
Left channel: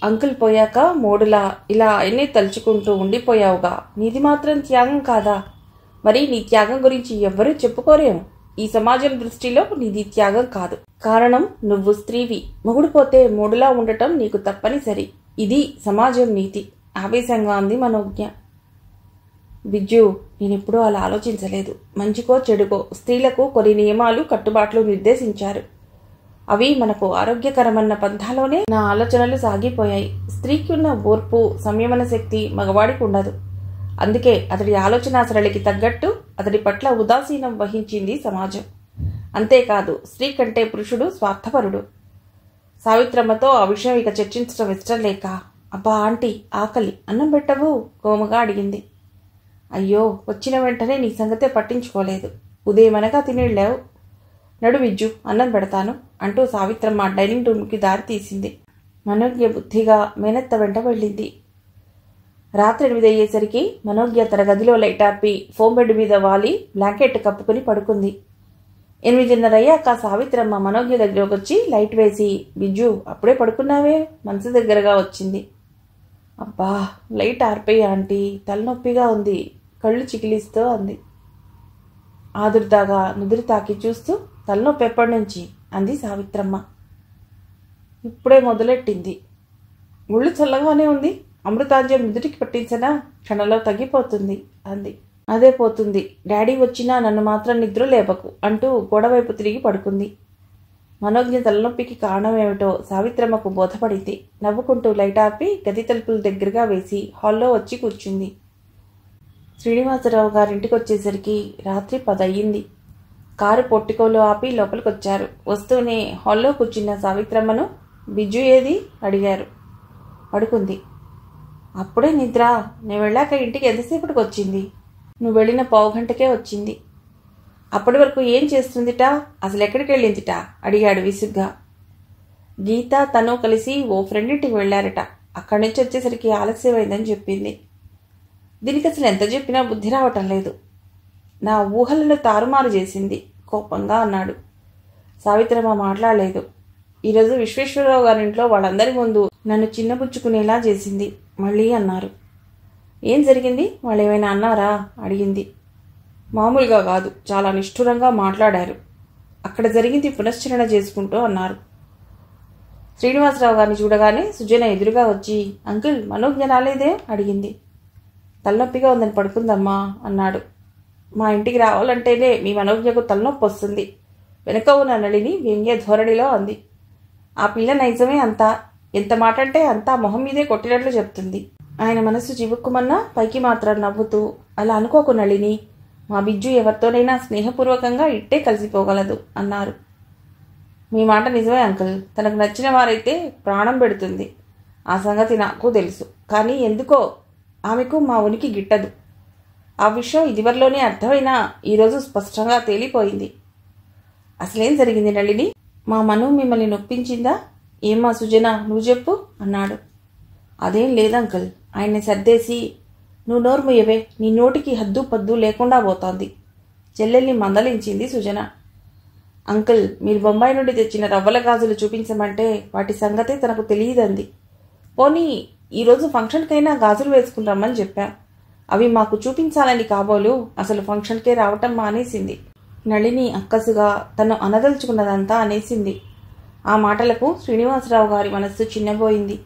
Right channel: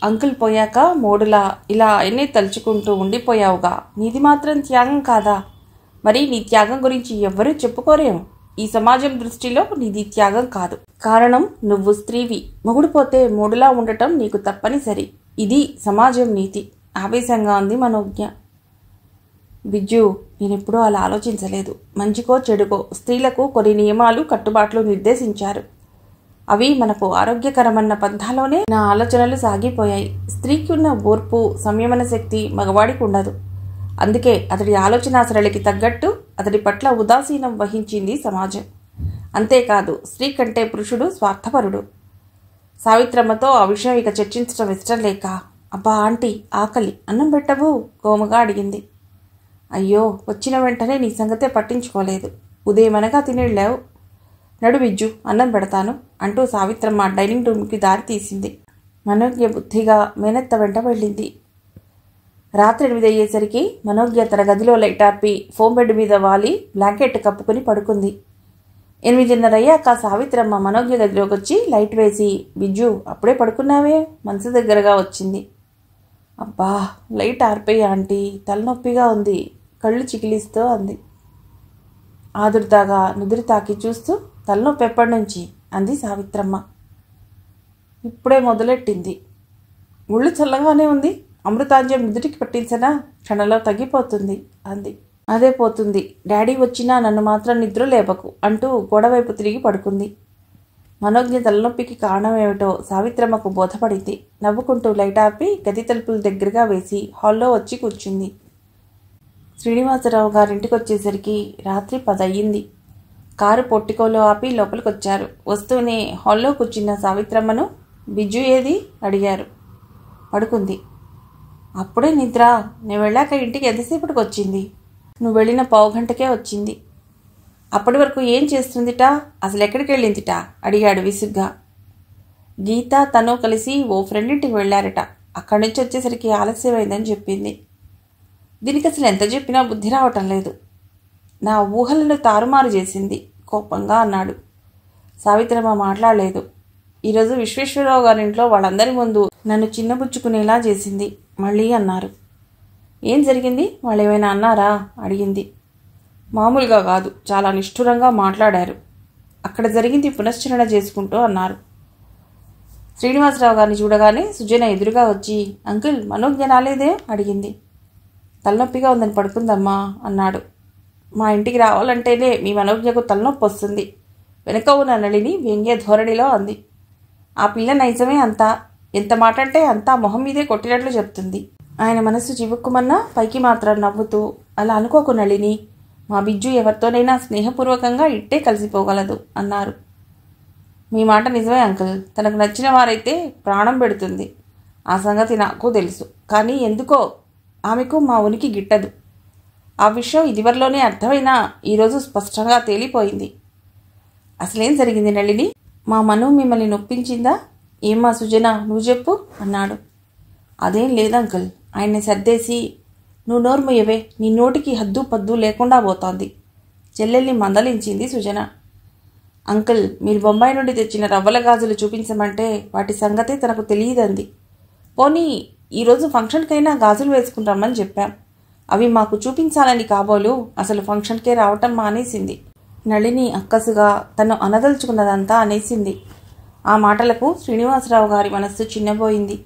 అంకుల్ పోయాక మోడులా ఇలా ఆయన్ని తలుచుకుంటూ ఉండిపోయావుగా. నీది మాత్రం త్యాగం కాదా? మరి నీ త్యాగం గురించి ఎవ్వరూ చెప్పుకోరేమో. ఈ సమాజం దృష్టిలో నీది త్యాగం కాదు. కారణం నువ్వు స్త్రీవి. మొగుడు పోతే మూడులా ఉండటం నీకు తప్పనిసరి. ఇది సమాజం నీతి ఆవేశంగా అంది మనోజ్ఞ. బిజ్జు, నేనెప్పుడూ అలా ఆలోచించలేదు. మంచికో చెడుకో స్త్రీలకు కొన్ని నియమాలు, కట్టుబాట్లు నిర్దేశించారు. అవి మనకు ఆరోగ్యకరమన్న పంథాలోనే నా ఆలోచనలు సాగిపోయాయి. స్త్రీకి ఉన్న ఓర్పు, సంయమన శక్తి మగవాడికి ఉండదు. అందుకే అతడి ఆలోచన సరళికి తగ్గట్టు అతడి పట్ల ఉదాసీనం వహించింది సమాజం. అంతేకాదు, స్త్రీ కంటే పురుషుడు స్వార్థపరుడు. సావిత్రమ్మతో ఆ విషయం ఇక చర్చించడం ఇష్టం లేక, అబ్బా ఆంటీ, ఆకలి, అన్నం పెట్టవు కోమగా అడిగింది. అయ్యో, వచ్చిన వెంటనే నీ సంగతే పట్టించుకోలేదు. ఉదయమనగా తినేళ్ళావు. నడు బిజ్జు, అన్నం పెడతాను అంటూ సావిత్రమ్మ డైనింగ్ రూమ్కి దారి తీసింది. మనోజ్ఞ బుద్ధిగా మేనత్త వెంట వెళ్ళింది. రాత్రి 8 అయ్యేసరికి మనోజ్ఞ తన గదిలో లైట్ ఆర్పి ఫోమ్ బెడ్ మీద వాలి బ్లాంకెట్ కప్పుకుని పడుకుంది. 8:30 అయ్యాక సావిత్రమ్మ మనోజ్ఞ దగ్గరకు వచ్చి లైట్ వేసి, బిజ్జు అప్పుడే పడుకున్నావే, మనసు దగ్గరగా వచ్చింది. అబ్బా, లైట్ ఆర్పేయి ఆంటీ, తలనొప్పిగా ఉంది, కళ్ళు చికిలిస్తూ అంది. ఆదుర్దాగా నుదురు తాకి చూస్తూ, తలనొప్పి ఎప్పటి నుంచి అంది సావిత్రమ్మ. ఇప్పుడే మొదలెట్టింది. ముళ్ళు చల్లగానే ఉంది, అమృతాంజం నుదుటికి పట్టించనా, క్షణంలో తగ్గిపోతుంది అంది. అదే పోతుంది, డాడీ వచ్చినా నన్ను మాత్రం నిద్ర లేపకు అంటూ గోడవైపు తిరిగి పడుకుంది. మనోజ్ఞ తలనొప్పికి కారణమేమిటో సావిత్రమ్మకు బోధపడింది. నవ్వుకుంటూ లైట్ ఆర్పి గది తలుపులు దగ్గరగా వేసి హాల్లో వచ్చి కూర్చుంది. శ్రీనివాసరావు గారింటికి వచ్చేసరికి రాత్రి 10 అయ్యింది. కారు పొట్టికోలో ఆపి లోపలికొచ్చారు. వస్తూనే హాల్లో కూర్చున్న సావిత్రమ్మను బిజ్జు ఏది అడిగారు. పడుకుంది. అప్పుడే నిద్ర? నేను వెళ్ళాక ఇంటికి ఎంతసేపటికి వచ్చింది? నువ్వు వెళ్ళిన 15 గంటకే వచ్చింది. అప్పటి వరకు ఏం చేస్తుందిట? అసలు ఎక్కడికి వెళ్ళిందిట? అడిగాడు విసుగ్గా. గీత తను కలిసి ఓ ఫ్రెండ్ ఇంటికి వెళ్ళారట. అక్కడి నుంచి వచ్చేసరికి ఆలస్యమైందని చెప్పింది. దీనికి అసలు ఎంత చెప్పినా బుద్ధి రావటం లేదు. నా ఊహలను తారుమారు చేసింది కోపంగా అన్నాడు. సావిత్రమ్మ మాట్లాడలేదు. ఈరోజు విశ్వేశ్వరరావు గారింట్లో వాళ్ళందరి ముందు నన్ను చిన్నబుచ్చుకునేలా చేసింది మళ్ళీ అన్నారు. ఏం జరిగింది? వాళ్ళు ఏమైనా అన్నారా? అడిగింది. మామూలుగా కాదు, చాలా నిష్ఠురంగా మాట్లాడారు. అక్కడ జరిగింది పునశ్చరణ చేసుకుంటూ అన్నారు. శ్రీనివాసరావు గారిని చూడగానే సుజన ఎదురుగా వచ్చి, అంకుల్ మనోజ్ఞ రాలేదే అడిగింది. తలనొప్పిగా ఉందని పడుకుందమ్మా అన్నాడు. మా ఇంటికి రావాలంటేనే మీ మనోజ్ఞకు తలనొప్పి వస్తుంది వెనక ఉన్న నళిని వ్యంగ్య ధోరణిలో అంది. ఆ పిల్ల నైజమే అంతా. ఎంత మాట అంటే అంతా మొహం మీదే కొట్టినట్లు చెప్తుంది. ఆయన మనసు చివుక్కుమన్నా పైకి మాత్రం నవ్వుతూ, అలా అనుకోకు నళిని, మా బిజ్జు ఎవరితోనైనా స్నేహపూర్వకంగా ఇట్టే కలిసిపోగలదు అన్నారు. మీ మాట నిజమే అంకుల్. తనకు నచ్చిన వారైతే ప్రాణం పెడుతుంది. ఆ సంగతి నాకు తెలుసు. కానీ ఎందుకో ఆమెకు మా ఉనికి గిట్టదు. ఆ విషయం ఇదివరలోనే అర్థమైనా ఈరోజు స్పష్టంగా తేలిపోయింది. అసలేం జరిగింది నళిని? మా మను మిమ్మల్ని నొప్పించిందా? ఏమ్మా సుజన, నువ్వు చెప్పు అన్నాడు. అదేం లేదంకుల్. ఆయన్ని సర్దేసి, నువ్వు నోర్ముయ్యవే, నీ నోటికి హద్దు పద్దు లేకుండా పోతోంది చెల్లెల్ని మందలించింది సుజన. అంకుల్, మీరు బొంబాయి నుండి తెచ్చిన రవ్వల గాజులు చూపించమంటే వాటి సంగతే తనకు తెలియదంది. పోనీ ఈరోజు ఫంక్షన్కైనా గాజులు వేసుకుంటామని చెప్పాం. అవి మాకు చూపించాలని కాబోలు అసలు ఫంక్షన్కే రావటం మానేసింది. నళిని అక్కసుగా తను అనదలుచుకున్నదంతా అనేసింది. ఆ మాటలకు శ్రీనివాసరావు గారి మనస్సు చిన్నబోయింది.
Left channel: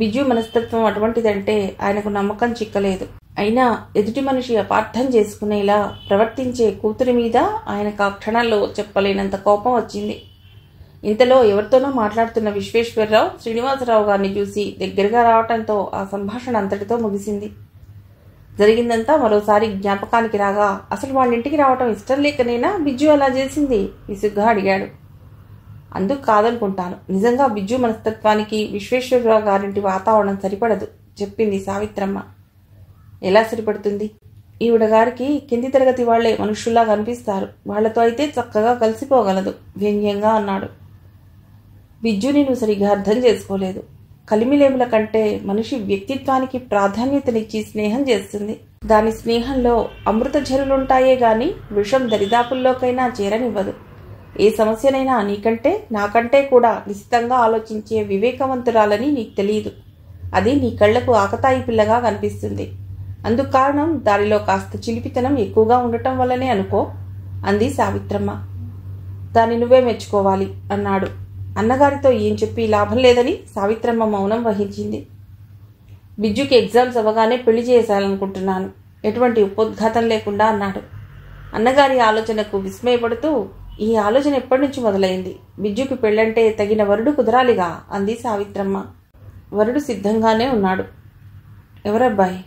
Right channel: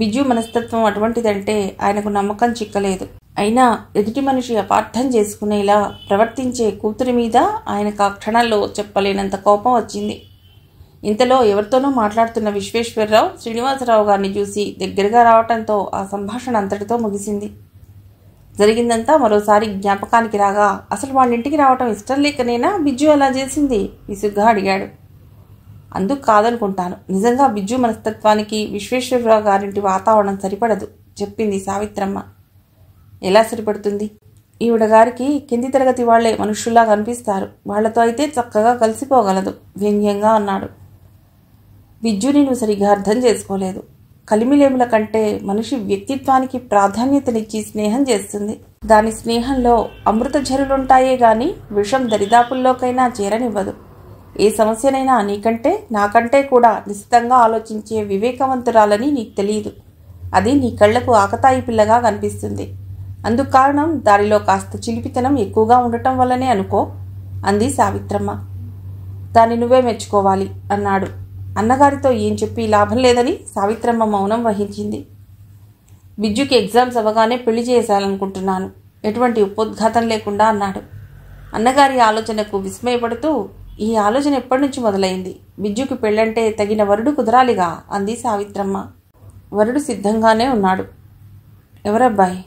బిజ్జు మనస్తత్వం అటువంటిదంటే ఆయనకు నమ్మకం చిక్కలేదు. అయినా ఎదుటి మనిషి అపార్థం చేసుకునేలా ప్రవర్తించే కూతురి మీద ఆయనకు ఆ క్షణాల్లో చెప్పలేనంత కోపం వచ్చింది. ఇంతలో ఎవరితోనో మాట్లాడుతున్న విశ్వేశ్వరరావు శ్రీనివాసరావు గారిని చూసి దగ్గరగా రావటంతో ఆ సంభాషణ అంతటితో ముగిసింది. జరిగిందంతా మరోసారి జ్ఞాపకానికి రాగా, అసలు వాళ్ళ ఇంటికి రావటం ఇష్టం లేకనేనా బిజ్జు అలా చేసింది? విసుగ్గా అడిగాడు. అందుకు కాదనుకుంటాను. నిజంగా బిజ్జు మనస్తత్వానికి విశ్వేశ్వరరావు గారింటి వాతావరణం సరిపడదు చెప్పింది సావిత్రమ్మ. ఎలా సరిపడుతుంది? ఈవిడ గారికి కింది తరగతి వాళ్లే మనుషుల్లా కనిపిస్తారు. వాళ్లతో అయితే చక్కగా కలిసిపోగలదు వ్యంగ్యంగా అన్నాడు. బిజ్జుని నువ్వు సరిగా అర్థం చేసుకోలేదు. కలిమిలేముల కంటే మనిషి వ్యక్తిత్వానికి ప్రాధాన్యతనిచ్చి స్నేహం చేస్తుంది. దాని స్నేహంలో అమృత ఝరులుంటాయే గాని విషం దరిదాపుల్లోకైనా చేరనివ్వదు. ఏ సమస్యనైనా నీకంటే నాకంటే కూడా నిశ్చితంగా ఆలోచించే వివేకవంతురాలని నీకు తెలియదు. అది నీ కళ్లకు ఆకతాయి పిల్లగా కనిపిస్తుంది. అందుకు కారణం దానిలో కాస్త చిలిపితనం ఎక్కువగా ఉండటం వల్లనే అనుకో అంది సావిత్రమ్మ. దాన్ని నువ్వే మెచ్చుకోవాలి అన్నాడు. అన్నగారితో ఏం చెప్పి లాభం లేదని సావిత్రమ్మ మౌనం వహించింది. బిజ్జుకి ఎగ్జామ్స్ అవ్వగానే పెళ్లి చేయాలనుకుంటున్నాను, ఎటువంటి ఉపోద్ఘాతం లేకుండా అన్నాడు. అన్నగారి ఆలోచనకు విస్మయపడుతూ, ఈ ఆలోచన ఎప్పటి నుంచి మొదలైంది? బిజ్జుకి పెళ్ళంటే తగిన వరుడు కుదరాలిగా అంది సావిత్రమ్మ. వరుడు సిద్ధంగానే ఉన్నాడు. ఎవరబ్బాయి?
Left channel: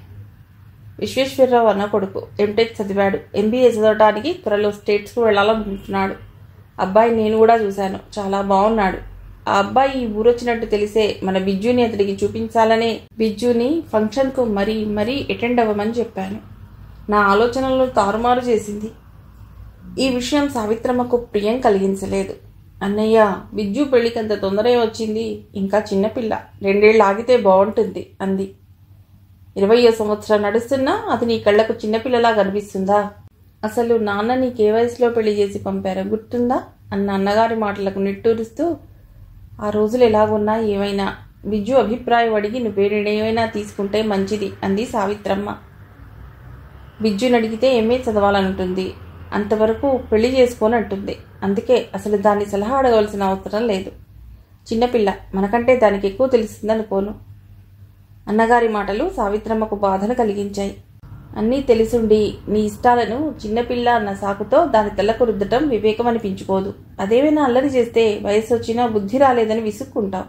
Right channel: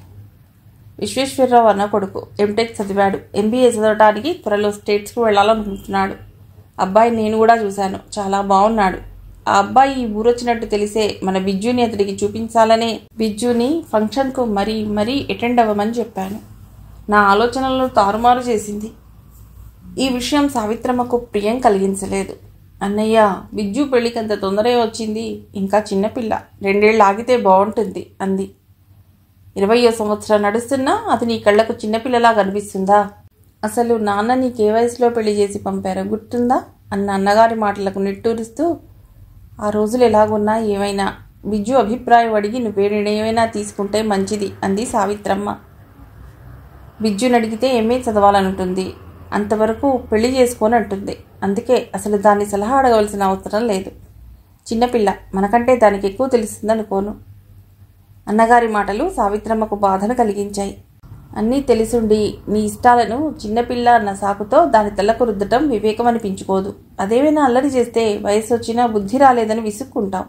విశ్వేశ్వరరావు అన్న కొడుకు. ఎంటెక్ చదివాడు. ఎంబీఏ చదవడానికి త్వరలో స్టేట్స్కు వెళ్లాలనుకుంటున్నాడు. అబ్బాయి నేను కూడా చూశాను, చాలా బాగున్నాడు. ఆ అబ్బాయి ఈ ఊరొచ్చినట్టు తెలిసే మన బిజ్జుని అతడికి చూపించాలనే బిజ్జుని ఫంక్షన్కు మరీ అటెండ్ అవ్వమని చెప్పాను. నా ఆలోచనలను తారుమారు చేసింది. ఈ విషయం సావిత్రమ్మకు ప్రియం కలిగించలేదు. అన్నయ్య, బిజ్జు పెళ్లికంత తొందరే వచ్చింది. ఇంకా చిన్నపిల్ల, 2 ఏళ్ళు ఆగితే బాగుంటుంది అంది. 20వ సంవత్సరం నడుస్తున్నా అది నీ కళ్లకు చిన్నపిల్లలా కనిపిస్తుందా? అసలు నాన్న నీకే వయసులో పెళ్లి చేసి పంపారో గుర్తుందా అన్న అన్నగారి మాటలకు నిట్టూరుస్తూ, ఆ రోజులు ఎలాగున్నా ఏమైనా బిజ్జు అభిప్రాయం అడిగి నువ్వే నిర్ణయమైనా తీసుకుంటే మంచిది అంది సావిత్రమ్మ. బిజ్జుని అడిగితే ఎంఏ చదవాలనుంటుంది, అంతవరకు పెళ్లి చేసుకొని అంటుంది. అందుకే అసలు దాన్ని సలహా అడగవలసిన అవసరం లేదు. చిన్నపిల్ల, మనకంటే దానికి ఎక్కువ తెలుస్తుందనుకోను. అన్నగారి మాటలు సావిత్రమ్మకు బాధను కలిగించాయి. అన్నీ తెలిసుండి నీ ఇష్టాలను చిన్నపిల్ల అన్న సాకుతో దాని తెల్లకు రుద్దటం వివేకం అనిపించుకోదు. అదేమైనా అల్లరి చేస్తే వయసు వచ్చినా బుద్ధి రాలేదని విసుక్కుంటావు.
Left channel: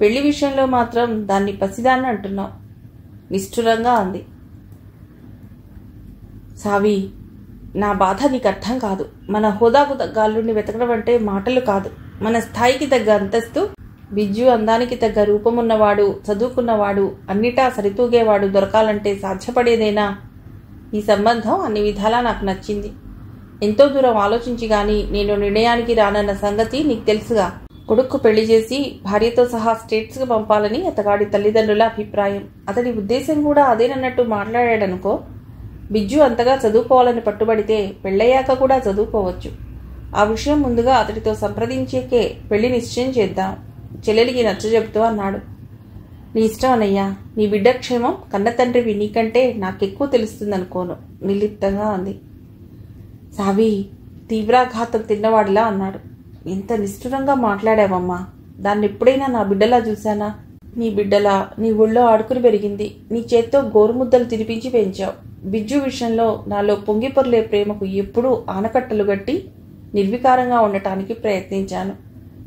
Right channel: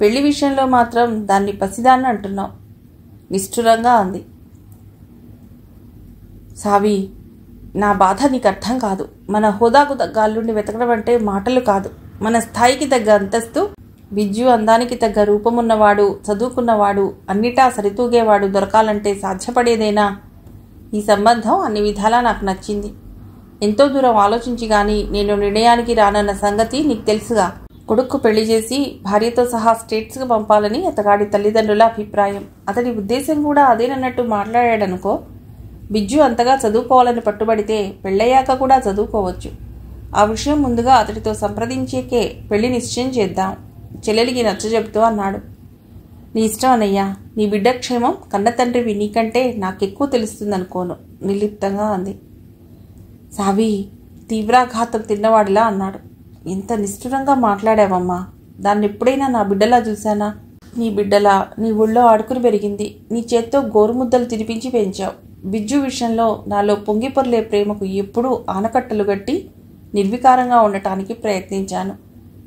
పెళ్లి విషయంలో మాత్రం దాన్ని పసిదాన్ని అంటున్నావు నిష్ఠురంగా అంది. సావి, నా బాధ నీకు అర్థం కాదు. మన హోదాకు తగ్గ అల్లుడిని వెతకడం అంటే మాటలు కాదు. మన స్థాయికి తగ్గ అంతస్తు, బిజ్జు అందానికి తగ్గ రూపమున్నవాడు, చదువుకున్నవాడు, అన్నిటా సరితూగేవాడు దొరకాలంటే సాధ్యపడేదేనా? ఈ సంబంధం అన్ని విధాలా నాకు నచ్చింది. ఎంతో దూరం ఆలోచించి గాని నేను నిర్ణయానికి రానన్న సంగతి నీకు తెలుసుగా. కొడుక్కు పెళ్లి చేసి భార్యతో సహా స్టేట్స్కి పంపాలని అతగాడి తల్లిదండ్రుల అభిప్రాయం. అతడి ఉద్దేశం కూడా అదేనన్నట్టు మాట్లాడాడనుకో. బిజ్జు అంతగా చదువుకోవాలని పట్టుబడితే పెళ్ళయ్యాక కూడా చదువుకోవచ్చు. ఆ విషయం ముందుగా అతడితో సంప్రదించేకే పెళ్లి నిశ్చయం చేద్దాం, చెల్లెలికి నచ్చజెబుతూ అన్నాడు. నీ ఇష్టం అన్నయ్యా. నీ బిడ్డ క్షేమం కన్న తండ్రివి నీకంటే నాకెక్కువ తెలుస్తుందనుకోను నిర్లిప్తంగా అంది. సావి తీవ్రాఘాతం తిన్నవాడిలా అన్నాడు. ఎంత నిష్ఠురంగా మాట్లాడావమ్మా. దాన్ని ఎప్పుడైనా నా బిడ్డలా చూశానా? నీ బిడ్డలా నీ ఊళ్ళో ఆడుకుని పెరిగింది. నీ చేత్తో గోరుముద్దలు తినిపించి పెంచావు. బిజ్జు విషయంలో నాలో పొంగిపొర్లే ప్రేమకు ఎప్పుడూ ఆనకట్టలు గట్టి నిర్వికారంగా ఉండటానికి ప్రయత్నించాను.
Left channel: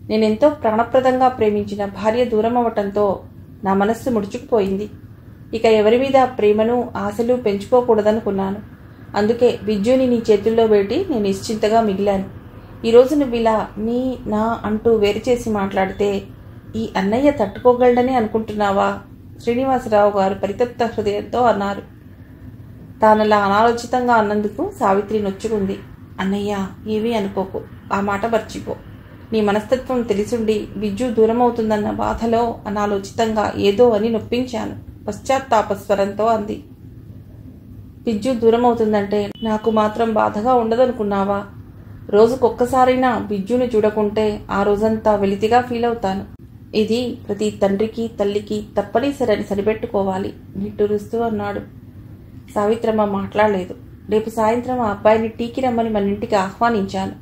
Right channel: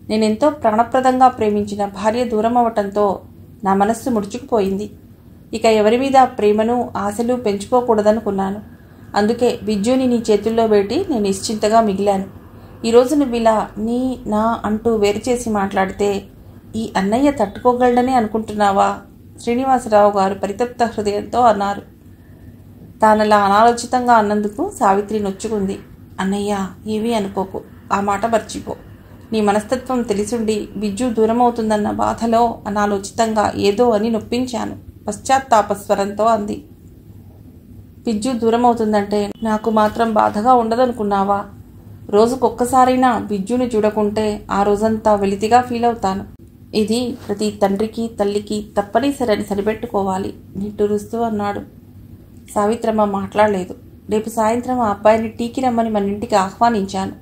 నేనెంతో ప్రాణప్రదంగా ప్రేమించిన భార్య దూరం అవటంతో నా మనస్సు ముడుచుకుపోయింది. ఇక ఎవరి మీద ప్రేమను ఆశలు పెంచుకోకూడదనుకున్నాను. అందుకే బిజ్జుని నీ చేతుల్లో పెట్టి నేను నిశ్చింతగా మిగిలాను. ఈరోజు నువ్వు ఇలా నీ నా అంటూ వేరు చేసి మాట్లాడితే ఈ అన్నయ్య తట్టుకోగలడని అనుకుంటున్నావా? శ్రీనివాసరావు గారు పరితప్త హృదయంతో అన్నారు. తానలా అనాలోచితంగా అన్నందుకు సావిత్రి నొచ్చుకుంది. అన్నయ్య, ఏమీ అనుకోకు, ఆ మాట మర్చిపో. నీ మనస్తత్వం తెలిసుండి బిజ్జు దూరమవుతుందన్న బాధలో అనాలోచితంగా ఏదో అని నొప్పించాను పశ్చాత్తాపస్వరంతో అంది. బిజ్జు దూరమవుతుందంటే నాకు మాత్రం బాధగా ఉండదనుకున్నావా? రోజుకొక్కసారైనా బిజ్జును చూడకుంటే ఆ రోజంతా వెలితిగా ఫీల్ అవుతాను. ఇది ప్రతి తండ్రికి తల్లికి తప్పనిసరని సరిపెట్టుకోవాలి నిట్టూరుస్తూ అన్నాడు. సావిత్రమ్మ మాట్లాడలేదు. రేపు సాయంత్రం ఆ అబ్బాయిని టీకి రమ్మని మన ఇంటికి ఆహ్వానించాను.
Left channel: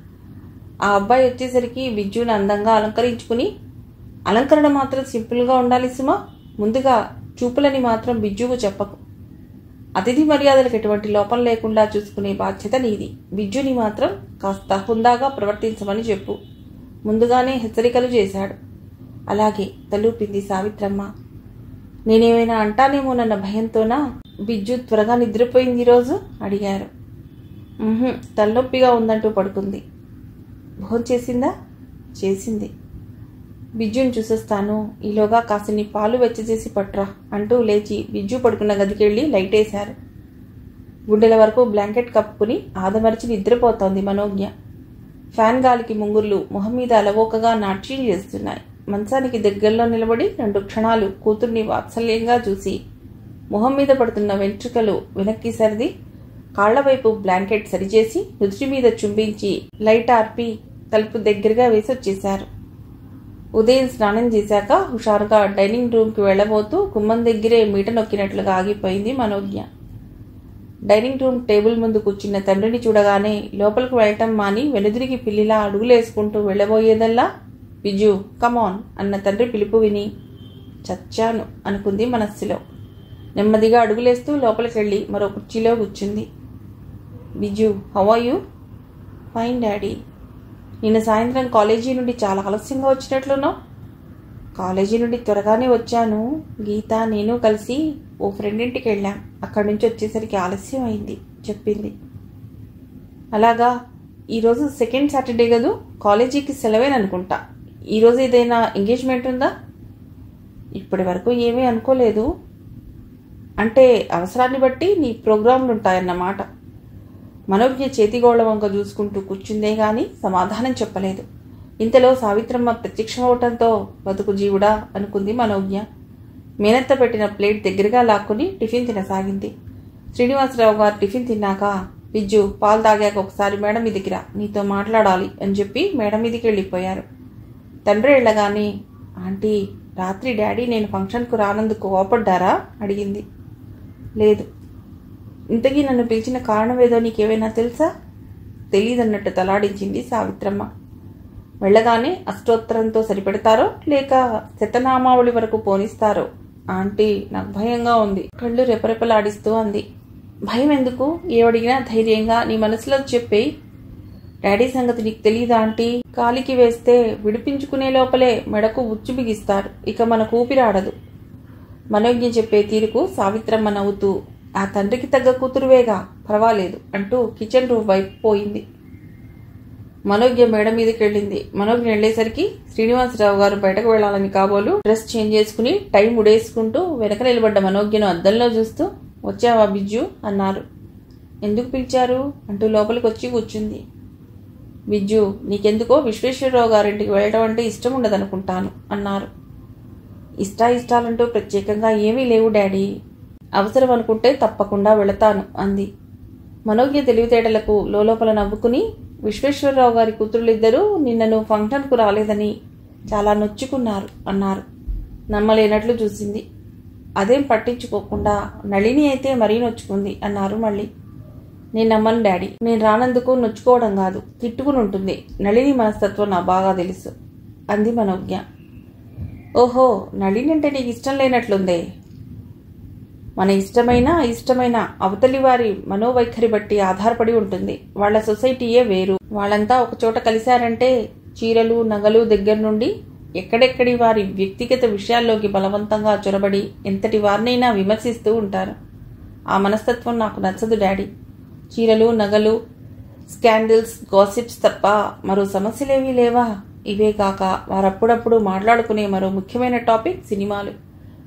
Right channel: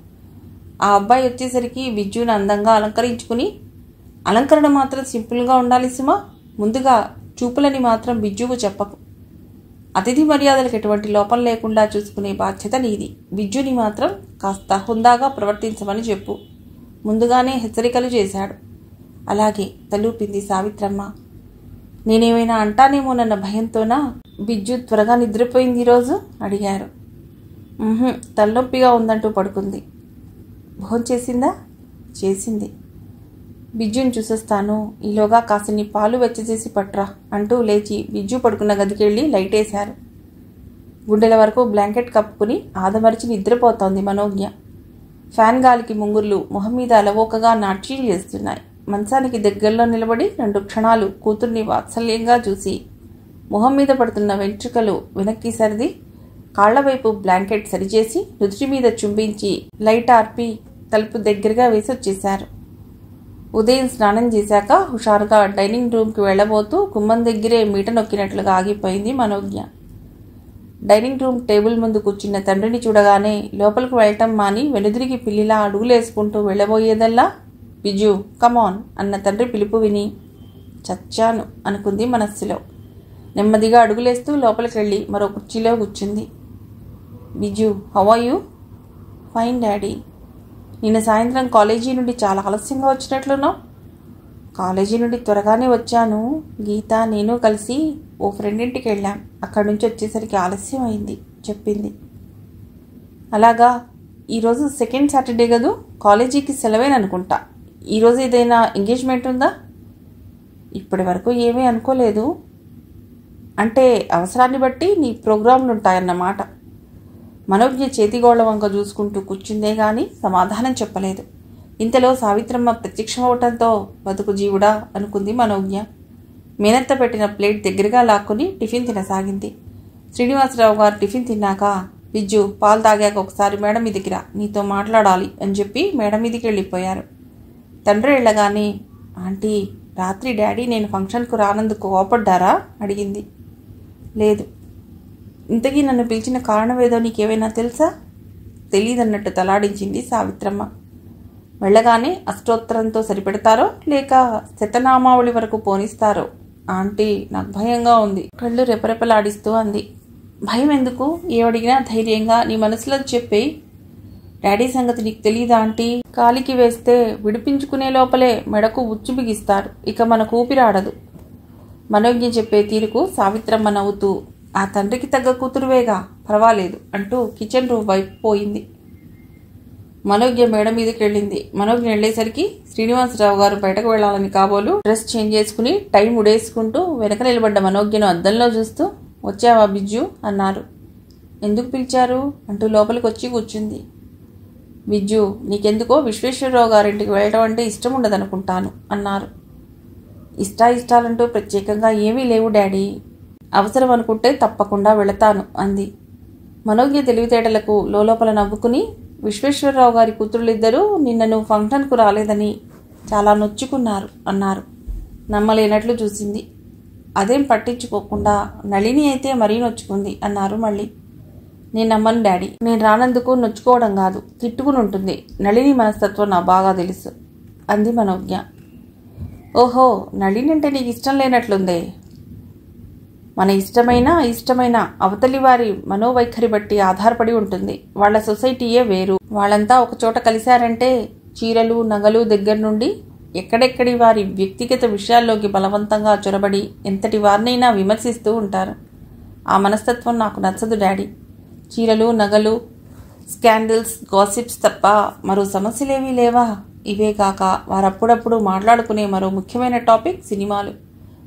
ఆ అబ్బాయి వచ్చేసరికి బిజ్జును అందంగా అలంకరించుకుని, అలంకరణ మాత్రం సింపుల్గా ఉండాలి సుమా, ముందుగా చూపులని మాత్రం బిజ్జుకు చెప్పకు. అతిథి మర్యాదలకు ఎటువంటి లోపం లేకుండా చూసుకునే బాధ్యత నీది. బిజ్జుని మాత్రం కాస్త హుందాగా ప్రవర్తించమని చెప్పు. ముందుగానే హెచ్చరికలు చేశాడు. అలాగే తలూపింది సావిత్రమ్మ. నేనేమైనా అంటానేమోనన్న భయంతోనా బిజ్జు త్వరగా నిద్రపోయింది ఈరోజు అడిగారు. తలనొప్పిగా ఉందంటూ పడుకుంది. భోంచేసిందా? చేసింది. బిజ్జుని చూసొస్తాను, ఈలోగా కాసిని పాలు వెచ్చచేసి పట్రా అంటూ లేచి బిజ్జు పడుకున్న గదికెళ్ళి లైటేశారు. గుండెల వరకు బ్లాంకెట్ కప్పుకుని ఆదమరిచి నిద్రపోతోంది మనోజ్ఞ. ఫ్యాన్ గాలికి ముంగుర్లు మొహం మీద అలవోకగా నాట్యం చేస్తున్నాయి. మంచానికి దగ్గరలో నిలబడి 2 క్షణాలు కూతుర్ని వాత్సల్యంగా చూసి మొహం మీద పడుతున్న వెంట్రుకలు వెనక్కి సర్ది కాళ్లవైపు బ్లాంకెట్ సరిచేసి నుదుటి మీద చుంబించి లైట్ ఆర్పి తలుపు దగ్గరగా వేసి వచ్చేశారు. ఉదయం స్నానం చేశాక హుషారుగా డైనింగ్ రూమ్కి వెళ్లబోతూ గుమ్మం దగ్గరే మీట నొక్కినట్లుగా ఆగిపోయింది మనోజ్ఞ. డైనింగ్ రూమ్ టేబుల్ ముందు కూర్చున్న తండ్రిని చూడగానే లోపలికి వెళ్ళటం మాని వెనుదిరిగి పిల్లిలా అడుగులేసుకుంటూ వెళ్లబోయేదల్లా బిజు కమాన్ అన్న తండ్రి పిలుపు విని చచ్చాను అనుకుంది మనస్సులో. నెమ్మదిగా అడుగులేస్తూ లోపలికెళ్ళి మరో కుర్చీలో కూర్చుంది. Biju, how are you? Fine daddy. నిన్న సాయంత్రం కాలేజీ నుండి చాలా ఆలస్యంగా వచ్చినట్లున్నావు. కాలేజీ నుండి త్వరగానే వచ్చాను. గీత నేను కలిసి ఓ ఫ్రెండ్ ఇంటికి వెళ్ళాం. అక్కడి నుంచి వచ్చేసరికి ఆలస్యం అయింది చెప్పింది. అలాగా, ఈరోజు సెకండ్ సాటర్డే కదూ, కాలేజీకి సెలవేననుకుంటా. ఈరోజు ఏదైనా ఎంగేజ్మెంట్ ఉందా? ఇప్పటి వరకు ఏమీ అనుకోలేదు. అంటే అవసరాన్ని బట్టి నీ ప్రోగ్రాంలు ఉంటాయన్నమాట. మనోజ్ఞ చేతిగోళ్ల వంక చూసుకుంటూ కూర్చుందే గాని సమాధానం చెప్పలేదు. ఇంతలో సావిత్రమ్మ ప్రత్యక్షమవటంతో బతుకు జీవుడా అనుకుంది మనోజ్ఞ. మేనత్త పెట్టిన ప్లేట్ దగ్గరగా లాక్కుని టిఫిన్ తినసాగింది. శ్రీనివాసరావు గారు టిఫిన్ తిన్నాక, బిజ్జు పాలు తాగాక ఒకసారి మేడం మీదికి రా, నీతో మాట్లాడాలి అని చెప్పి మేడం మీదికి వెళ్ళిపోయారు. తండ్రి వెళ్ళగానే, ఆంటీ రాత్రి డాడీ నేను ఫంక్షన్కు రానందుకు కోపడ్డారా అడిగింది. లేదు. ఇంతకీ నన్ను పిలిచిన కారణమేదో నీకేమైనా తెలుసా? తెలీదన్నట్టు తలాడించింది సావిత్రమ్మ. వెళ్ళగానే అష్టోత్తరంతో సరిపెడతారో లేక శతనామావళి వరకు పోనిస్తారో ఆంటీ, నాకు భయంగా ఉంది కళ్ళు రెపరెపలాడిస్తూ అంది. భయం ఎందుకు? ఏవడిగినా ధైర్యంగా నీ మనసులో చెప్పేయి. డాడీ సంగతి నీకు తెలీదా ఆంటీ? కాలికి వేస్తే విడిపించుకునే లోపలే మెడకు ఉచ్చు బిగిస్తారు. ఇక మనకు ఊపిరాడదు. మనోజ్ఞ చెప్పే తీరుకు సావిత్రమ్మ నవ్వుతూ, ఆ తండ్రికి తగ్గ కూతురువేగా, పర్వాలేదు అంటూ కిచెన్ రూమ్ వైపు పోయింది. మనోజ్ఞ మేడ మీదకి వెళ్ళింది. మనోజ్ఞ వెళ్లేసరికి శ్రీనివాసరావు గారు బయటకు వెళ్లాలని కాబోలు డ్రెస్ చేంజ్ చేసుకుని టైం ఉడేసుకుంటూ వెనక నిలబడ్డ మనోజ్ఞను అద్దంలో చూస్తూ, వచ్చావా బిజ్జు అన్నారు. ఎందుకు పిలిచారు అంటూ లోపలికి వచ్చి కూర్చుంది. బిజ్జు, నీకెందుకో విశ్వేశ్వరరావు గారింటికి వెళ్ళటం అంటే ఇష్టం ఉండదనుకుంటాను అన్నారు. ఇష్టాలంటూ ప్రత్యేకంగా ఏమీ లేవు డాడీ. అవసరం అనుకుంటే తప్పకుండా వెళతాను అంది. మనోజ్ఞ తెలివితేటలకు లోపల నవ్వుకుని, విశ్వేశ్వరరావు గారి కూతురులిద్దరూ నిన్నను ఫంక్షన్కు రాలేదని చాలా నొచ్చుకున్నారు అన్నారు. నమ్మలేనట్లు చూసింది. అదేం పట్టించుకోకుండా నళిని అయితే మరీ నొచ్చుకుంది అన్నారు మళ్ళీ. నేను నమ్మను డాడీ. నేను రానందుకు నొచ్చుకోవడం కాదు, తిట్టుకుని ఉంటుంది. నళిని మనస్తత్వం నాకు బాగా తెలుసు అంది మనోజ్ఞ. ఓహో, నళిని అంటే నీకు ఇష్టం లేనట్లుందే. మన ఇష్టమైన అవతలి వారి మనోవైఖరి బట్టి ఆధారపడి ఉంటుంది. వాళ్ల సొసైటీయే వేరు. వాళ్ళంతా ఒకచోట కలిశారంటే చీరలు నగలు దగ్గర నుండి ఎక్కడెక్కడి వారి వ్యక్తిగత విషయాల్లోకి బలవంతంగా చొరబడి ఎంతటి వారినైనా విమర్శిస్తూ ఉంటారు. ఆ మనస్తత్వం నాకు నచ్చదు డాడీ. చీరలు నగలు, స్కాండిల్స్, గాసిప్స్ తప్ప మరో సమస్యలేవీ లేవా? ఇవే కాక వారప్పుడప్పుడు మాట్లాడుకునే మరో ముఖ్యమైన టాపిక్ సినిమాలు.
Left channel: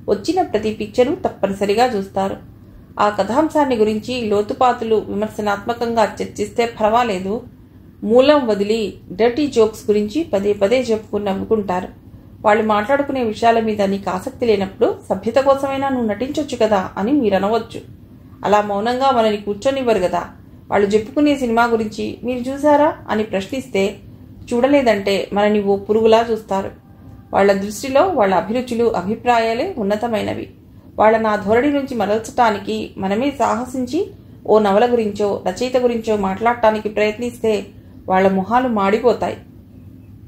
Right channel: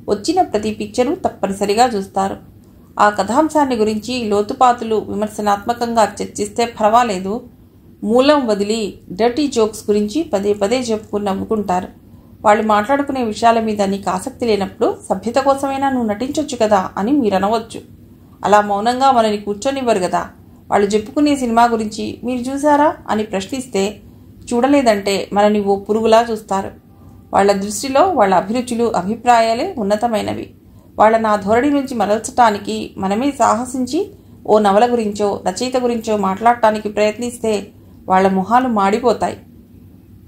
వచ్చిన ప్రతి పిక్చరు తప్పనిసరిగా చూస్తారు. ఆ కథాంశాన్ని గురించి లోతుపాతులు విమర్శనాత్మకంగా చర్చిస్తే పర్వాలేదు. మూలం వదిలి డర్టీ జోక్స్ గురించి పదే పదే చెప్పుకుని నవ్వుకుంటారు. వాళ్ళు మాట్లాడుకునే విషయాల మీద నీకు ఆసక్తి లేనప్పుడు సభ్యత కోసమైనా నువ్వు నటించొచ్చు కదా అని మీరు అనవచ్చు. అలా మౌనంగా మనని కూర్చొనివ్వరు కదా. వాళ్ళు చెప్పుకునే సినిమా గురించి మీరు చూసారా అని ప్రశ్నిస్తే చూడలేదంటే మనని ఓ పురుగులా చూస్తారు. వాళ్ల దృష్టిలో వాళ్ళ అభిరుచులు అభిప్రాయాలే ఉన్నతమైనవి. వాళ్ళని ఆ ధోరణి నుంచి మరల్చటానికి మనమే సాహసించి ఓ నవల గురించో రచయిత గురించో మాట్లాడటానికి ప్రయత్నిస్తే వాళ్ల మొహాలు మాడిపోతాయి.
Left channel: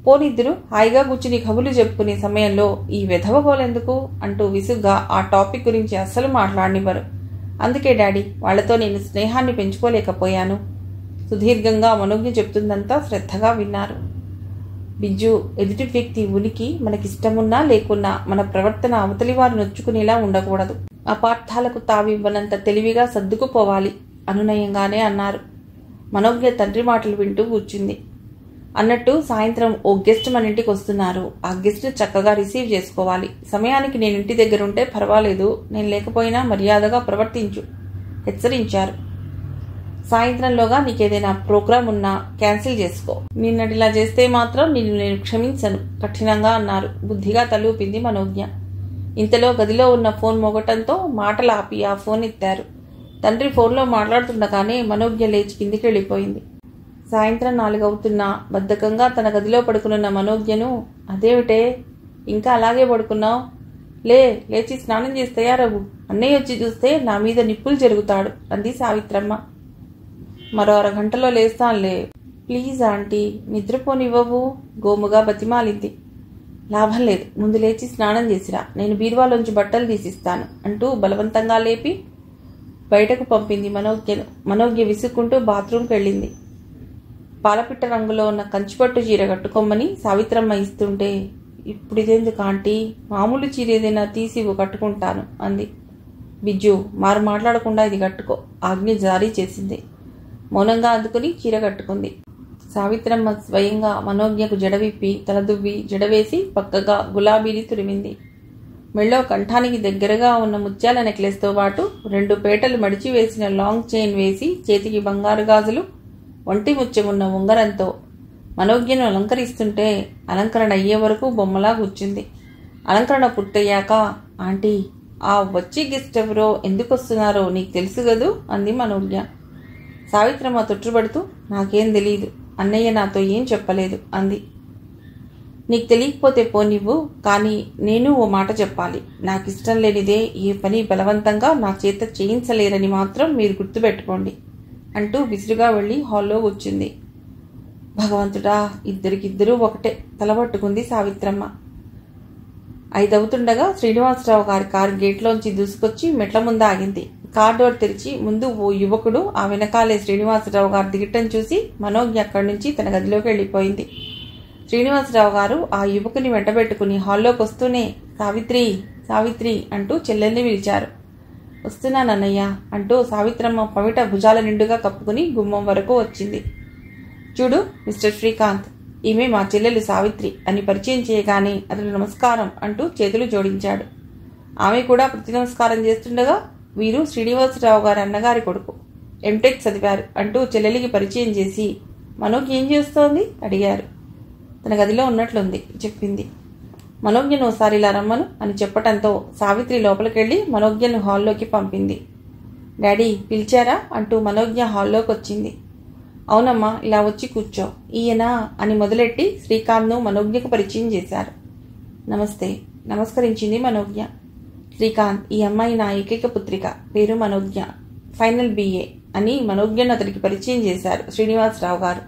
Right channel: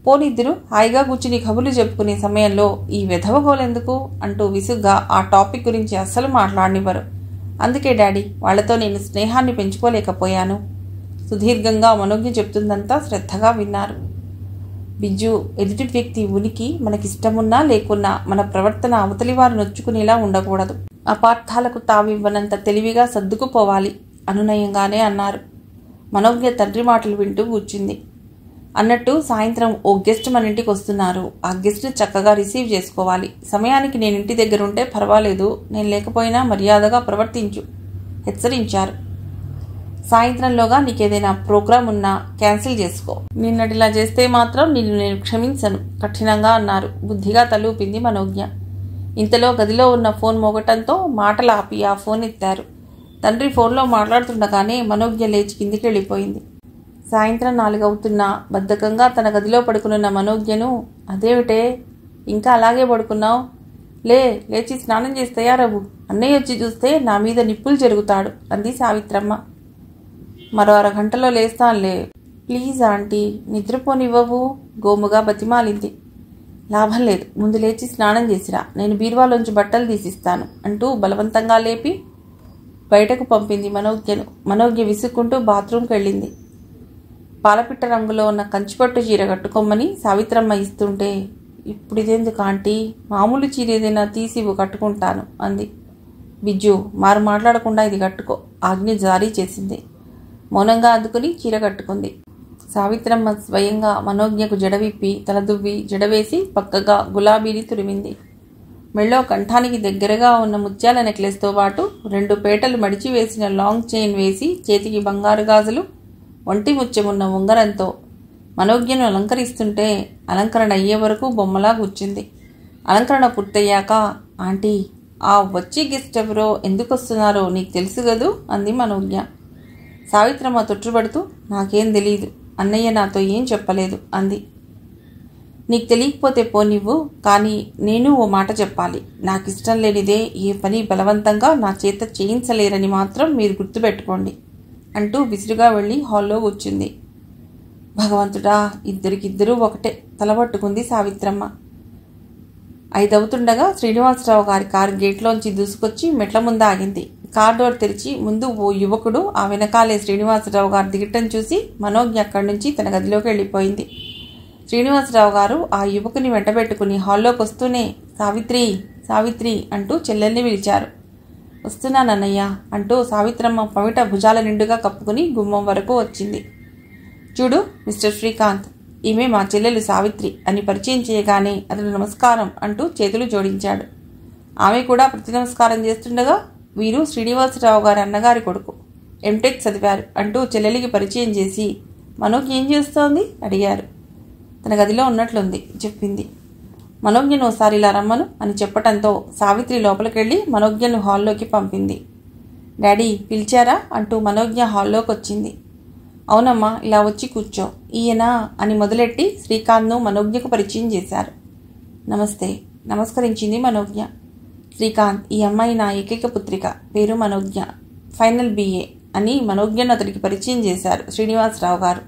పోనిద్దరు హాయిగా కూర్చుని కబుర్లు చెప్పుకునే సమయంలో ఈ వెధవగోలెందుకు అంటూ విసుగ్గా ఆ టాపిక్ గురించి అస్సలు మాట్లాడనివ్వరు. అందుకే డాడీ, వాళ్లతో నేను స్నేహాన్ని పెంచుకోలేకపోయాను. సుదీర్ఘంగా మనోజ్ఞ చెప్తుందంతా శ్రద్ధగా విన్నారు. బిజ్జు, ఎదుటి వ్యక్తి ఉనికి మనకిష్టమున్నా లేకున్నా మన ప్రవర్తన అవతలివారు నొచ్చుకునేలా ఉండకూడదు. అపార్థాలకు తావివ్వనంత తెలివిగా సర్దుకుపోవాలి అనునయంగానే అన్నారు. మనోజ్ఞ తండ్రి మాటలు వింటూ కూర్చుంది. అన్నట్టు సాయంత్రం ఓ గెస్ట్ మన ఇంటికి వస్తున్నారు. ఆ గెస్ట్ చక్కగా రిసీవ్ చేసుకోవాలి. సమయానికి నేను ఇంటి దగ్గర ఉంటే పర్వాలేదు, నేను లేకపోయినా మర్యాదగా ప్రవర్తించు హెచ్చరించారు. సాయంత్రంలోగా నీకేదైనా ప్రోగ్రాం ఉన్నా క్యాన్సిల్ చేసుకో. నిన్నటిలా చేస్తే మాత్రం నిన్ను నేను క్షమించను కఠినంగా అన్నారు. బుద్ధిగా తలూపింది మనోజ్ఞ. ఇంతలో గదిలో ఉన్న ఫోన్ మోగటంతో మాటలు ఆపి ఆ ఫోన్ ఎత్తారు. తండ్రి ఫోన్లో మాట్లాడుతుండగానే మనోజ్ఞ లేచి కిందికి వెళ్ళిపోయింది. సాయంత్రం 4 అవుతున్నా బద్ధకంగా తన గదిలో పడుకున్న మనోజ్ఞను, అదేమిటే ఇంకా అలాగే పడుకున్నావు? లేచి స్నానం చేసి తయారవు. అన్నయ్య వచ్చి చూస్తే నా మీద నిప్పులు జరుగుతాడు అంది సావిత్రమ్మ. మరో 1/2 గంటలో లేస్తానులే. Please aunty, నిద్రపోనివ్వవు గోముగా బతిమాలింది. లాభం లేదు, ముందు లేచి స్నానం చేసిరా, నేను బీరువాలోంచి బట్టలు తీసిస్తాను అంటూ బలవంతంగా లేపి బయటకు పంపింది మనోజ్ఞను. మనోజ్ఞ విసుక్కుంటూ బాత్రూంకి వెళ్ళింది. పాలపిట్ట రంగులో ఉన్న కంచిపట్టు చీర కట్టుకోమని సావిత్రమ్మ ఇస్తుంటే, ఇప్పుడిదెందుకు ఆంటీ, మామూలు చీర ఏదైనా తీసివు కట్టుకుంటాను అంది. బిజ్జు, మారు మాట్లాడకుండా ఇది కట్టుకో ఆజ్ఞ జారీ చేసింది. మౌనంగా అందుకుని చీర కట్టుకుంది. సావిత్రమ్మ స్వయంగా మనోజ్ఞకు జడవిప్పి తలదువ్వి జడవేసి పక్కగా గులాబీని తురిమింది. మెళ్ళో కంఠానికి దగ్గరగా ఉన్న ముత్యాల నెక్లెస్తో పాటు 2 పేటలు మడిచి వేసిన లాంగ్ చైన్ వేసి చేతికి బంగారు గాజులు, ఒంటి ముత్యమున్న ఉంగరంతో మనోజ్ఞను అలంకరిస్తుంటే అలంకరణ అయ్యే వరకు బొమ్మలా కూర్చుంది. అలంకరణ పూర్తయ్యాక, ఆంటీ, ఆ వచ్చి గెస్ట్ ఎవరో ఎందుకు వస్తున్నారో నీకు తెలుసు గదు అంది మనోజ్ఞ. సావిత్రమ్మ తొట్టుబడుతూ, నాకేం తెలీదు, అన్నయ్య నాతో ఏం చెప్పలేదు అంది. నీకు తెలియకపోతే పోనివ్వు, కానీ నేను ఓ మాట చెప్పాలి. నాకిష్టం లేనిదే ఏ పని బలవంతంగా నా చేత చేయించలేరని మాత్రం మీరు గుర్తుపెట్టుకోండి అంటూ విసురుగా వెళ్ళి హాల్లో కూర్చుంది. భగవంతుడా, ఇద్దరికిద్దరూ ఒకటే తలబట్టుకుంది సావిత్రమ్మ. 5 అవుతుండగా శ్రీనివాసరావు గారి కారు గేట్లోంచి దూసుకొచ్చి మెట్ల ముందు ఆగింది. కార్ డోర్ తెరిచి ముందు ఓ యువకుడు, ఆ వెనకాలే శ్రీనివాసరావు గారు దిగటం చూసి మనోజ్ఞ అక్కడి నుంచి తన గదిలోకి వెళ్ళిపోయింది. శ్రీనివాసరావు గారు ఆ యువకుని వెంటబెట్టుకుని హాల్లోకి వస్తూనే సావిత్రి సావిత్రి అంటూ చెల్లెల్ని పిలిచారు. వస్తున్నానన్నయ్య అంటూ సావిత్రమ్మ పమిట భుజాల నిండుగా కప్పుకుని గుమ్మం వరకు వచ్చింది. చూడు మిస్టర్ శ్రీకాంత్, ఈమె మా చెల్లెలు సావిత్రి అని పరిచయం చేయగానే అతడు నమస్కారం అంటూ చేతులు జోడించాడు. ఆమె కూడా ప్రతి నమస్కారం చేస్తుండగా, వీరు శ్రీనివాసరావు గారి అన్నగారి కొడుకు, ఎంటెక్ చదివారు అంటూ చెల్లెలికి పరిచయం చేసి, మనోజ్ఞ ఏం చేస్తోంది అడిగారు. తన గదిలో ఉన్నట్లుంది చెప్పింది. మనోజ్ఞను ఒకసారి ఇలా రమ్మను అని చెప్పటంతో సావిత్రి లోపలికెళ్ళి మనోజ్ఞను హాల్లోకి పంపింది. డాడీ పిలిచారా అంటూ మనోజ్ఞ హాల్లోకి వచ్చింది. అవునమ్మా, ఇలా వచ్చి కూర్చో. ఈయన అని మొదలెట్టి శ్రీకాంత్ను మనోజ్ఞకు పరిచయం చేశారు. నమస్తే నమస్కరించింది మనోజ్ఞ. శ్రీకాంత్, ఈ అమ్మాయి నా ఏకైక పుత్రిక, పేరు మనోజ్ఞ, ఫైనల్ BA అని మనోజ్ఞను అతడికి పరిచయం చేశారు శ్రీనివాసరావు గారు.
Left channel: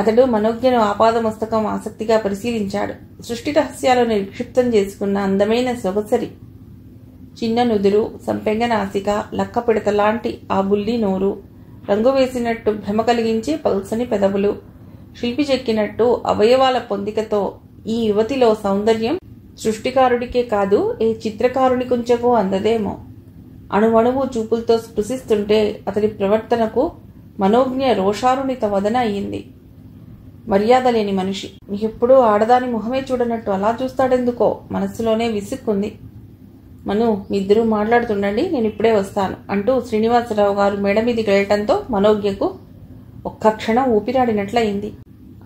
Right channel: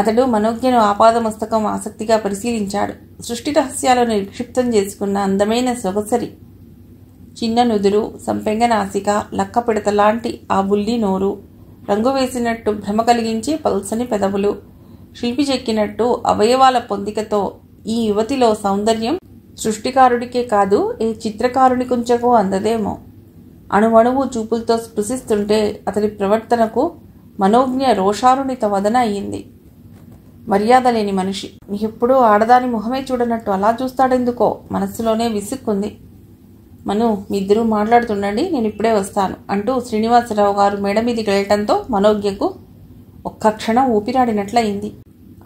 అతడు మనోజ్ఞను ఆపాదమస్తకం ఆసక్తిగా పరిశీలించాడు. సృష్టి రహస్యాలను నిక్షిప్తం చేసుకున్న అందమైన సొగసరి, చిన్న నుదురు, సంపెంగ నాసిక, లక్క పిడత లాంటి ఆ బుల్లి నోరు, రంగు వేసినట్టు భ్రమ కలిగించే పల్సని పెదవులు, శిల్పి చెక్కినట్టు అవయవాల పొందికతో ఈ యువతిలో సౌందర్యం సృష్టికారుడికే కాదు, ఏ చిత్రకారుని కుంచకో అందదేమో. అణువణువు చూపులతో స్పృశిస్తుంటే అతడి ప్రవర్తనకు మనోజ్ఞ రోషారుణిత వదన అయ్యింది. మర్యాద లేని మనిషి, ఎప్పుడూ ఆడదాని మొహమే చూడనట్టు అలా చూస్తాడెందుకో మనస్సులోనే విసుక్కుంది. మను, మీ ఇద్దరూ మాట్లాడుతుండండి, నేను ఇప్పుడే వస్తాను అంటూ శ్రీనివాసరావు గారు మేడ మీదికి వెళ్ళటంతో మనోజ్ఞకు ఒక్క క్షణం ఊపిరాడినట్లయింది.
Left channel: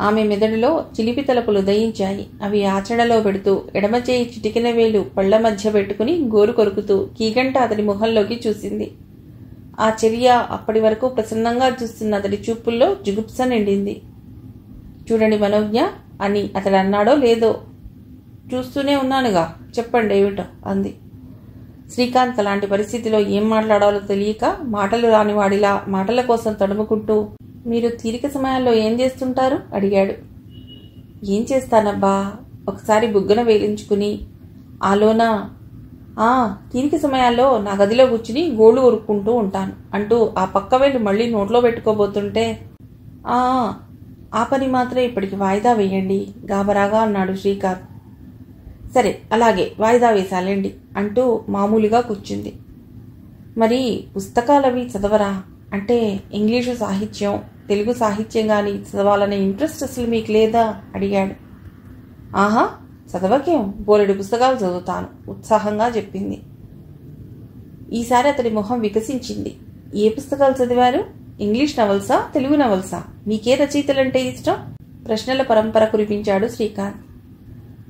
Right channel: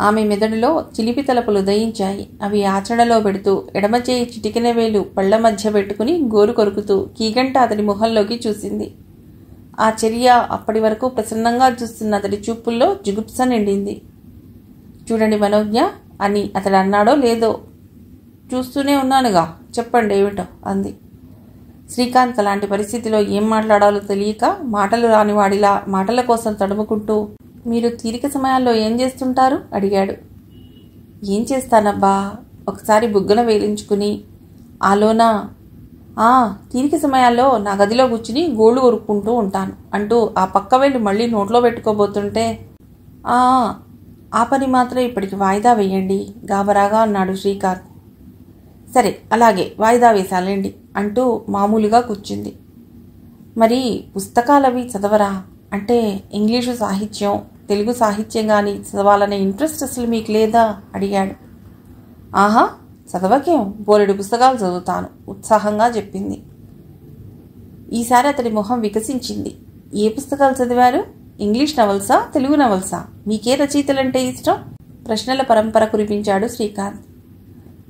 ఆమె మెదడులో చిలిపి తలపులు ఉదయించాయి. అవి ఆచరణలో పెడుతూ ఎడమచేయి చిటికిన వేలు పళ్ల మధ్య పెట్టుకుని గోరు కొరుకుతూ కీగంట అతడి ముఖంలోకి చూసింది. ఆ చర్య అప్పటి వరకు ప్రసన్నంగా చూస్తున్న అతడి చూపుల్లో జుగుప్స నిండింది. చూడండి మనోజ్ఞ అని అతడు అన్నాడో లేదో. చూస్తూనే ఉన్నానుగా, చెప్పండి ఏమిటో అంది. శ్రీకాంత్ అలాంటి పరిస్థితిలో ఏం మాట్లాడాలో తెలియక మాటలు రానివాడిలా మాటల కోసం తడుముకుంటూ, మీరు తీరిక సమయాల్లో ఏం చేస్తుంటారు అడిగాడు. ఏం చేస్తానబ్బా, ఒకసారి బుగ్గన వేలించుకుని ఆలోనా తీరిక సమయాల్లో నా గదిలో కూర్చుని గోళ్ళు కొరుక్కుంటూ ఉంటాను అంటూ ఆ పక్క వేలు మళ్ళీ నోట్లో పెట్టుకోబోతుంటే, ఆ పని మాత్రం ఇప్పటికి వాయిదా వేయండి గాబరాగా అన్నాడు శ్రీకాంత్. సరే అలాగే వాయిదా వేశాలండి అంటూ మామూలుగా కూర్చుంది. మరి పుస్తకాలవి చదవరా? అంటే ఇంగ్లీషు సాహిత్యం, తెలుగు సాహిత్యం కానీ చదవాలనే ఇంట్రెస్ట్ అసలు మీకు లేదా అడిగాడు. ఆహా, చదవకేం, బోలెడు పుస్తకాలు చదువుతాను ఉత్సాహంగా చెప్పింది. ఈసారి అతడి మొహం వికసించింది. ఏ పుస్తకాలు చదివారు? ఇంగ్లీష్ నవల్సా, తెలుగు నవల్సా? మీకే రచయితలంటే ఇష్టం? ప్రశ్నల పరంపర కురిపించాడు శ్రీకాంత్.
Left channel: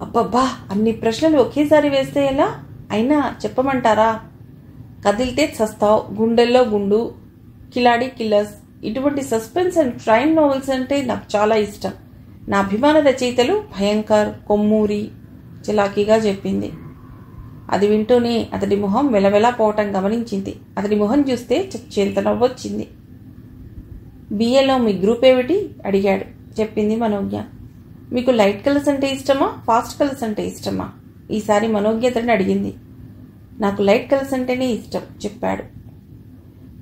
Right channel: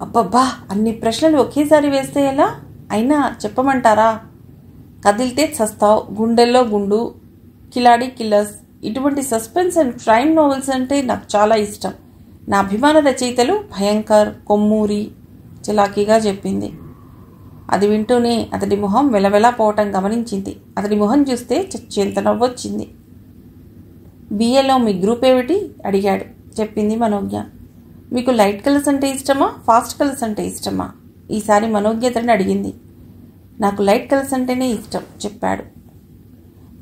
అబ్బబ్బా, అన్ని ప్రశ్నలు ఒకేసారి వేస్తే ఎలా? అయినా చెప్పమంటారా? కదిలితే చస్తావ్, గుండెల్లో గుండు, కిలాడి కిల్లర్స్, ఇటువంటి సస్పెన్స్ అండ్ క్రైమ్ నావెల్స్ అంటే నాకు చాలా ఇష్టం. నా అభిమాన రచయితలు భయంకర్, కొమ్మూరి చలాకీగా చెప్పింది. అది వింటూనే అతడి మొహం వెలవెలా పోవటం గమనించింది. అతడి మొహం చూస్తే చచ్చేంత నవ్వొచ్చింది. BAలో మీ గ్రూప్ ఏమిటి అడిగాడు. చెప్పింది మనోజ్ఞ. మీకు లైట్ కలర్స్ అంటే ఇష్టమా, ఫాస్ట్ కలర్స్ అంటే ఇష్టమా? ఈసారి మనోజ్ఞ అతడిని అడిగింది. నాకు లైట్ కలర్స్ అంటేనే ఇష్టం చెప్పాడు.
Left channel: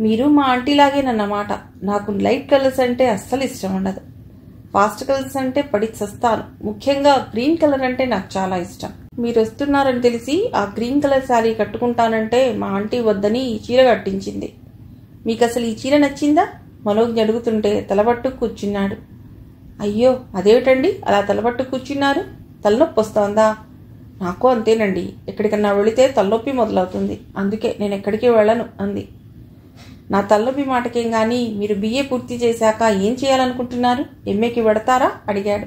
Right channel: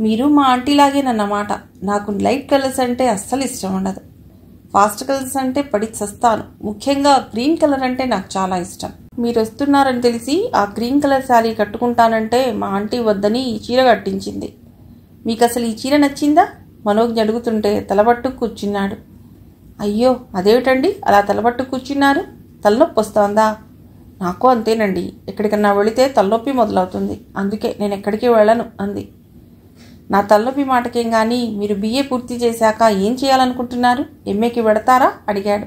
మీరు మా ఆంటీలాగేనన్నమాట. నాకు లైట్ కలర్స్ అంటే అస్సలు ఇష్టం ఉండదు. ఫాస్ట్ కలర్స్ అంటే పడి చస్తాను. ముఖ్యంగా గ్రీన్ కలర్ అంటే నాకు చాలా ఇష్టం. మీరు వస్తున్నారని తెలిసి ఆ గ్రీన్ కలర్ శారీ కట్టుకుంటానంటే మా ఆంటీ వద్దని ఈ చీర కట్టించింది. మీకు అసలు ఈ చీర నచ్చిందా? మనోజ్ఞ అడుగుతుంటే తలబట్టు కూర్చున్నాడు. అయ్యో, అదేమిటండి అలా తలబట్టు కూర్చున్నారు? తలనొప్పి వస్తోందా? నాకు అంతేనండి, ఎక్కడికన్నా వెళితే తలనొప్పి మొదలవుతుంది. అందుకే నేను ఎక్కడికి వెళ్ళను అంది. నా తలనొప్పి మాటకేం గాని, మీరు BA పూర్తి చేశాక ఏం చేయాలనుకుంటున్నారు? MAకి వెడతారా అడిగాడు.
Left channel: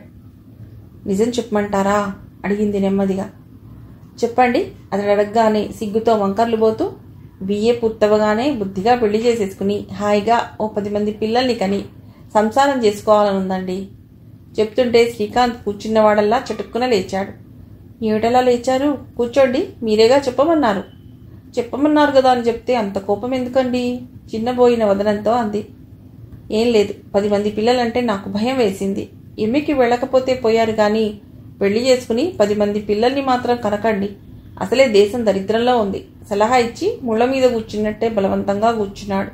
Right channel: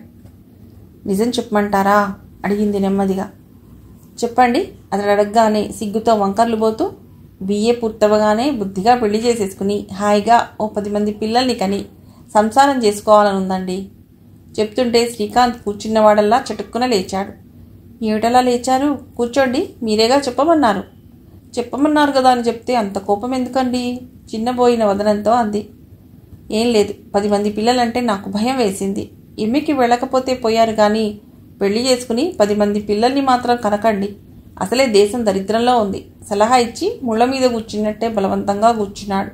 నిజం చెప్పమంటారా అడిగింది నెమ్మదిగా. చెప్పండి అతడు అడగగానే సిగ్గుతో వంకర్లు పోతూ, BA పూర్తవగానే బుద్ధిగా పెళ్లి చేసేసుకుని హాయిగా ఓ 10 మంది పిల్లల్ని కని సంసారం చేసుకోవాలని ఉందండి. చెప్తుంటే శ్రీకాంత్ కూర్చున్నవాడల్లా చటుక్కున లేచాడు. ఏమిటలా లేచారు? కూర్చోండి, మీరేగా చెప్పమన్నారు. చెప్పమన్నారు కదా అని చెప్తే అంత కోపం ఎందుకండి? చిన్నబోయిన వదనంతో అంది. ఏం లేదు, 10 మంది పిల్లలంటే నాకు భయం వేసింది. MAకి వెళ్ళకపోతే పోయారు కానీ పెళ్లి చేసుకుని 10 మంది పిల్లల్ని మాత్రం కనకండి. అసలే దేశం దరిద్రంలో ఉంది. సలహా ఇచ్చి ముళ్ళ మీద కూర్చున్నట్టే బలవంతంగా కూర్చున్నాడు.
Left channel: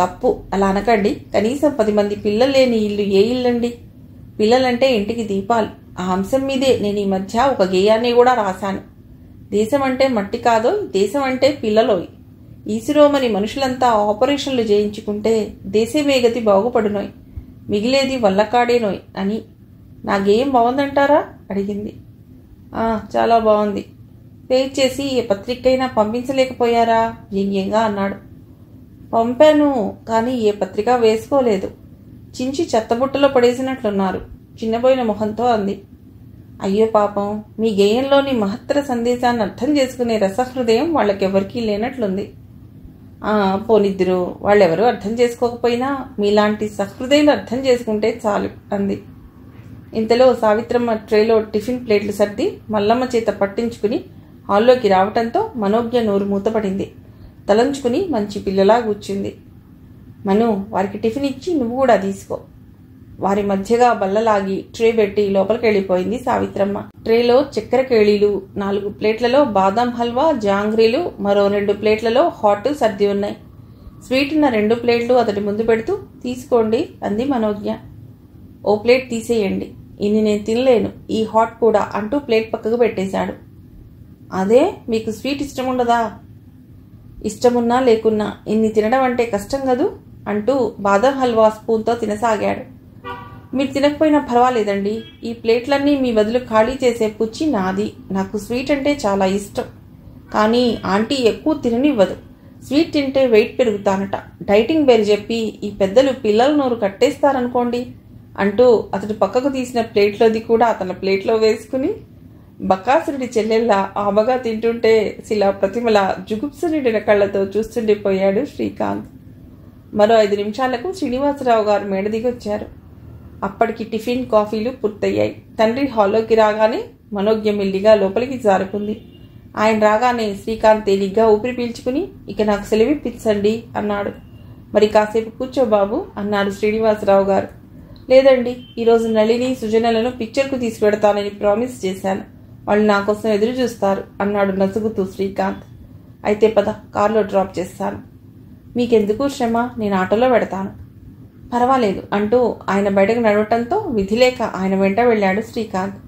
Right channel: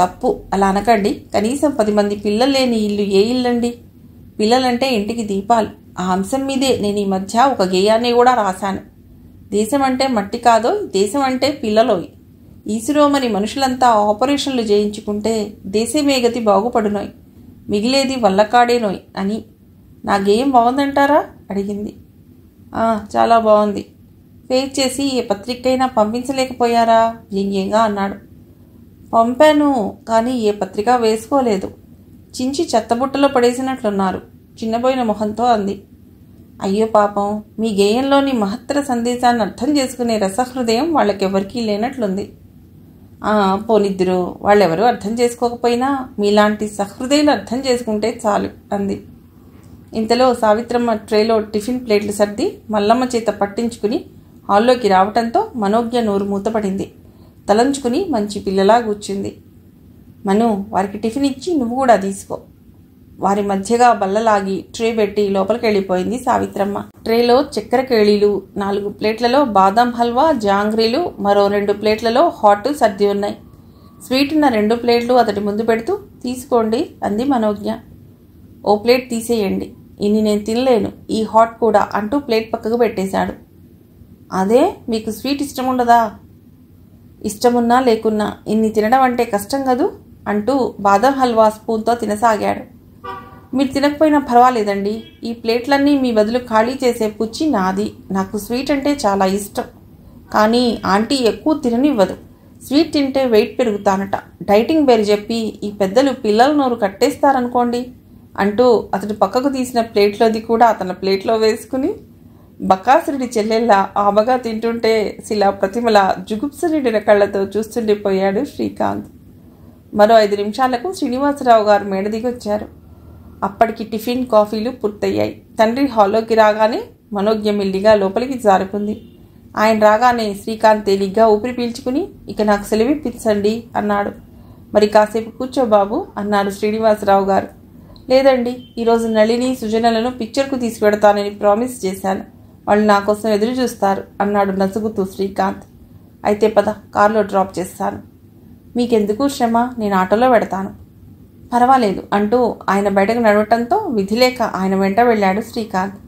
తప్పు, అలా అనకండి. కనీసం 10 మంది పిల్లలు లేని ఇల్లు ఏ ఇల్లండి? పిల్లలంటే ఇంటికి దీపాలు. ఆ అంశం మీదే నేను ఈ మధ్య ఒక గేయాన్ని కూడా రాశాను. దేశం అంటే మట్టి కాదోయ్, దేశం అంటే పిల్లలోయ్. ఈసురోమని మనుషులంతా ఆపరేషన్లు చేయించుకుంటే దేశమే గతి బాగుపడునోయ్, మిగిలేది వల్లకాడేనోయ్ అని. నా గేయం బాగుందంటారా అడిగింది. చాలా బాగుంది. పేజ్ చేసి ఏ పత్రికైనా పంపించలేకపోయారా వ్యంగ్యంగా అన్నాడు. పంపాను, కానీ ఏ పత్రిక వేసుకోలేదు. చించి చెత్తబుట్టలో పడేసినట్లున్నారు చిన్నబోయిన మొహంతో అంది. అయ్యో పాపం, మీ గేయంలోని మహత్తర సందేశాన్ని అర్థం చేసుకునే రసహృదయం వాళ్ళకెవరికీ లేనట్లుంది. పోనిద్దురు, వాళ్ళెవరూ అర్థం చేసుకోకపోయినా మీలాంటి సహృదయం అర్థం చేసుకుంటే చాలు అంది. ఇంతలో సావిత్రమ్మ ట్రేలో టిఫిన్ ప్లేట్లు సర్ది మల్లమ్మ చేత పట్టించుకుని హాల్లోకి రావటంతో మనోజ్ఞ నోరు మూతపడింది. తలంచుకుని మంచి పిల్లలా కూర్చుంది. మను, వారికి టిఫిన్ ఇచ్చి నువ్వు కూడా తీసుకో. వారి మధ్యగా బల్లలాగి ట్రే పెట్టి లోపలికి వెళ్ళిపోయింది సావిత్రమ్మ. ట్రేలో చక్కెర కేళీలు, 4 ప్లేట్లలో బాదం హల్వా, జాంగ్రీలు, మరో 2 ప్లేట్లలో హాట్ సర్ది ఉన్నాయి. స్వీట్ ఉన్న 2 ప్లేట్లు అతడి ముందు పెడుతూ తీసుకోండి అంది మనోజ్ఞ. ఓ ప్లేట్ తీసేయండి, ఇన్ని నేను తినలేను, ఈ హాట్ కూడా అంటూ ప్లేట్ పక్కకు పెట్టేశాడు. అదే, మీకు స్వీట్ ఇష్టం ఉండదా? ఇష్టమున్నా లేకున్నా ఇన్ని తినడం అంటే కష్టం కదూ అంటూ బాదం హల్వా స్పూన్తో తినసాగాడు. మీరు తినకపోయినా పర్వాలేదండి, ఈ ప్లేట్లన్నీ మీ బదులు ఖాళీ చేసే పుచ్చి నాది. నాకు స్వీట్ అంటే చాలా ఇష్టం, కానీ ఆంటీ ఎక్కువ తిననివ్వదు. స్వీట్ తింటే వెయిట్ పెరుగుతానట. డైటింగ్ పేరు చెప్పి ఈ పెద్దలు పిల్లల నోరు కట్టేస్తారనుకోండి అంటూ అతడు పక్కకు తీసిన ప్లేట్లోది కూడా అతని ప్లేట్లో వేసుకుని బకాసురుడి చెల్లెల్లా ఆబగా తింటుంటే శిలా ప్రతిమల జుగుప్సురుడిన కళ్లతో చూస్తుండిపోయాడు శ్రీకాంత్. మరో 5 నిమిషాలకు శ్రీనివాసరావు గారు మేడ దిగొచ్చారు. అప్పటికి టిఫిన్, కాఫీలు పూర్తయ్యాయి. తండ్రి హాల్లోకి రాగానే మనోజ్ఞ మెల్లిగా లోపలికి జారుకుంది. ఆయన రాగానే శ్రీకాంత్ తేలిగ్గా ఊపిరి పీల్చుకుని ఇక నాకు సెలవిప్పించండి అన్నాడు. మరి కాసేపు కూర్చో బాబు అన్నారు శ్రీనివాసరావు గారు. లేదండి, ఈరోజు నళిని, సుజనలను పిక్చర్కు తీసుకువెడతానని ప్రామిస్ చేశాను. వాళ్ళు నా కోసం ఎదురు చూస్తారు అన్నాడు నసుగుతూ శ్రీకాంత్. అయితే పద, కారులో డ్రాప్ చేస్తాను. మీకెందుకు శ్రమ, నేను ఆటోలో పెడతాను. పర్వాలేదు అంటూ ఆయన బయటకు నడవటంతో విధిలేక ఆయన వెంట వెళ్ళాడు శ్రీకాంత్.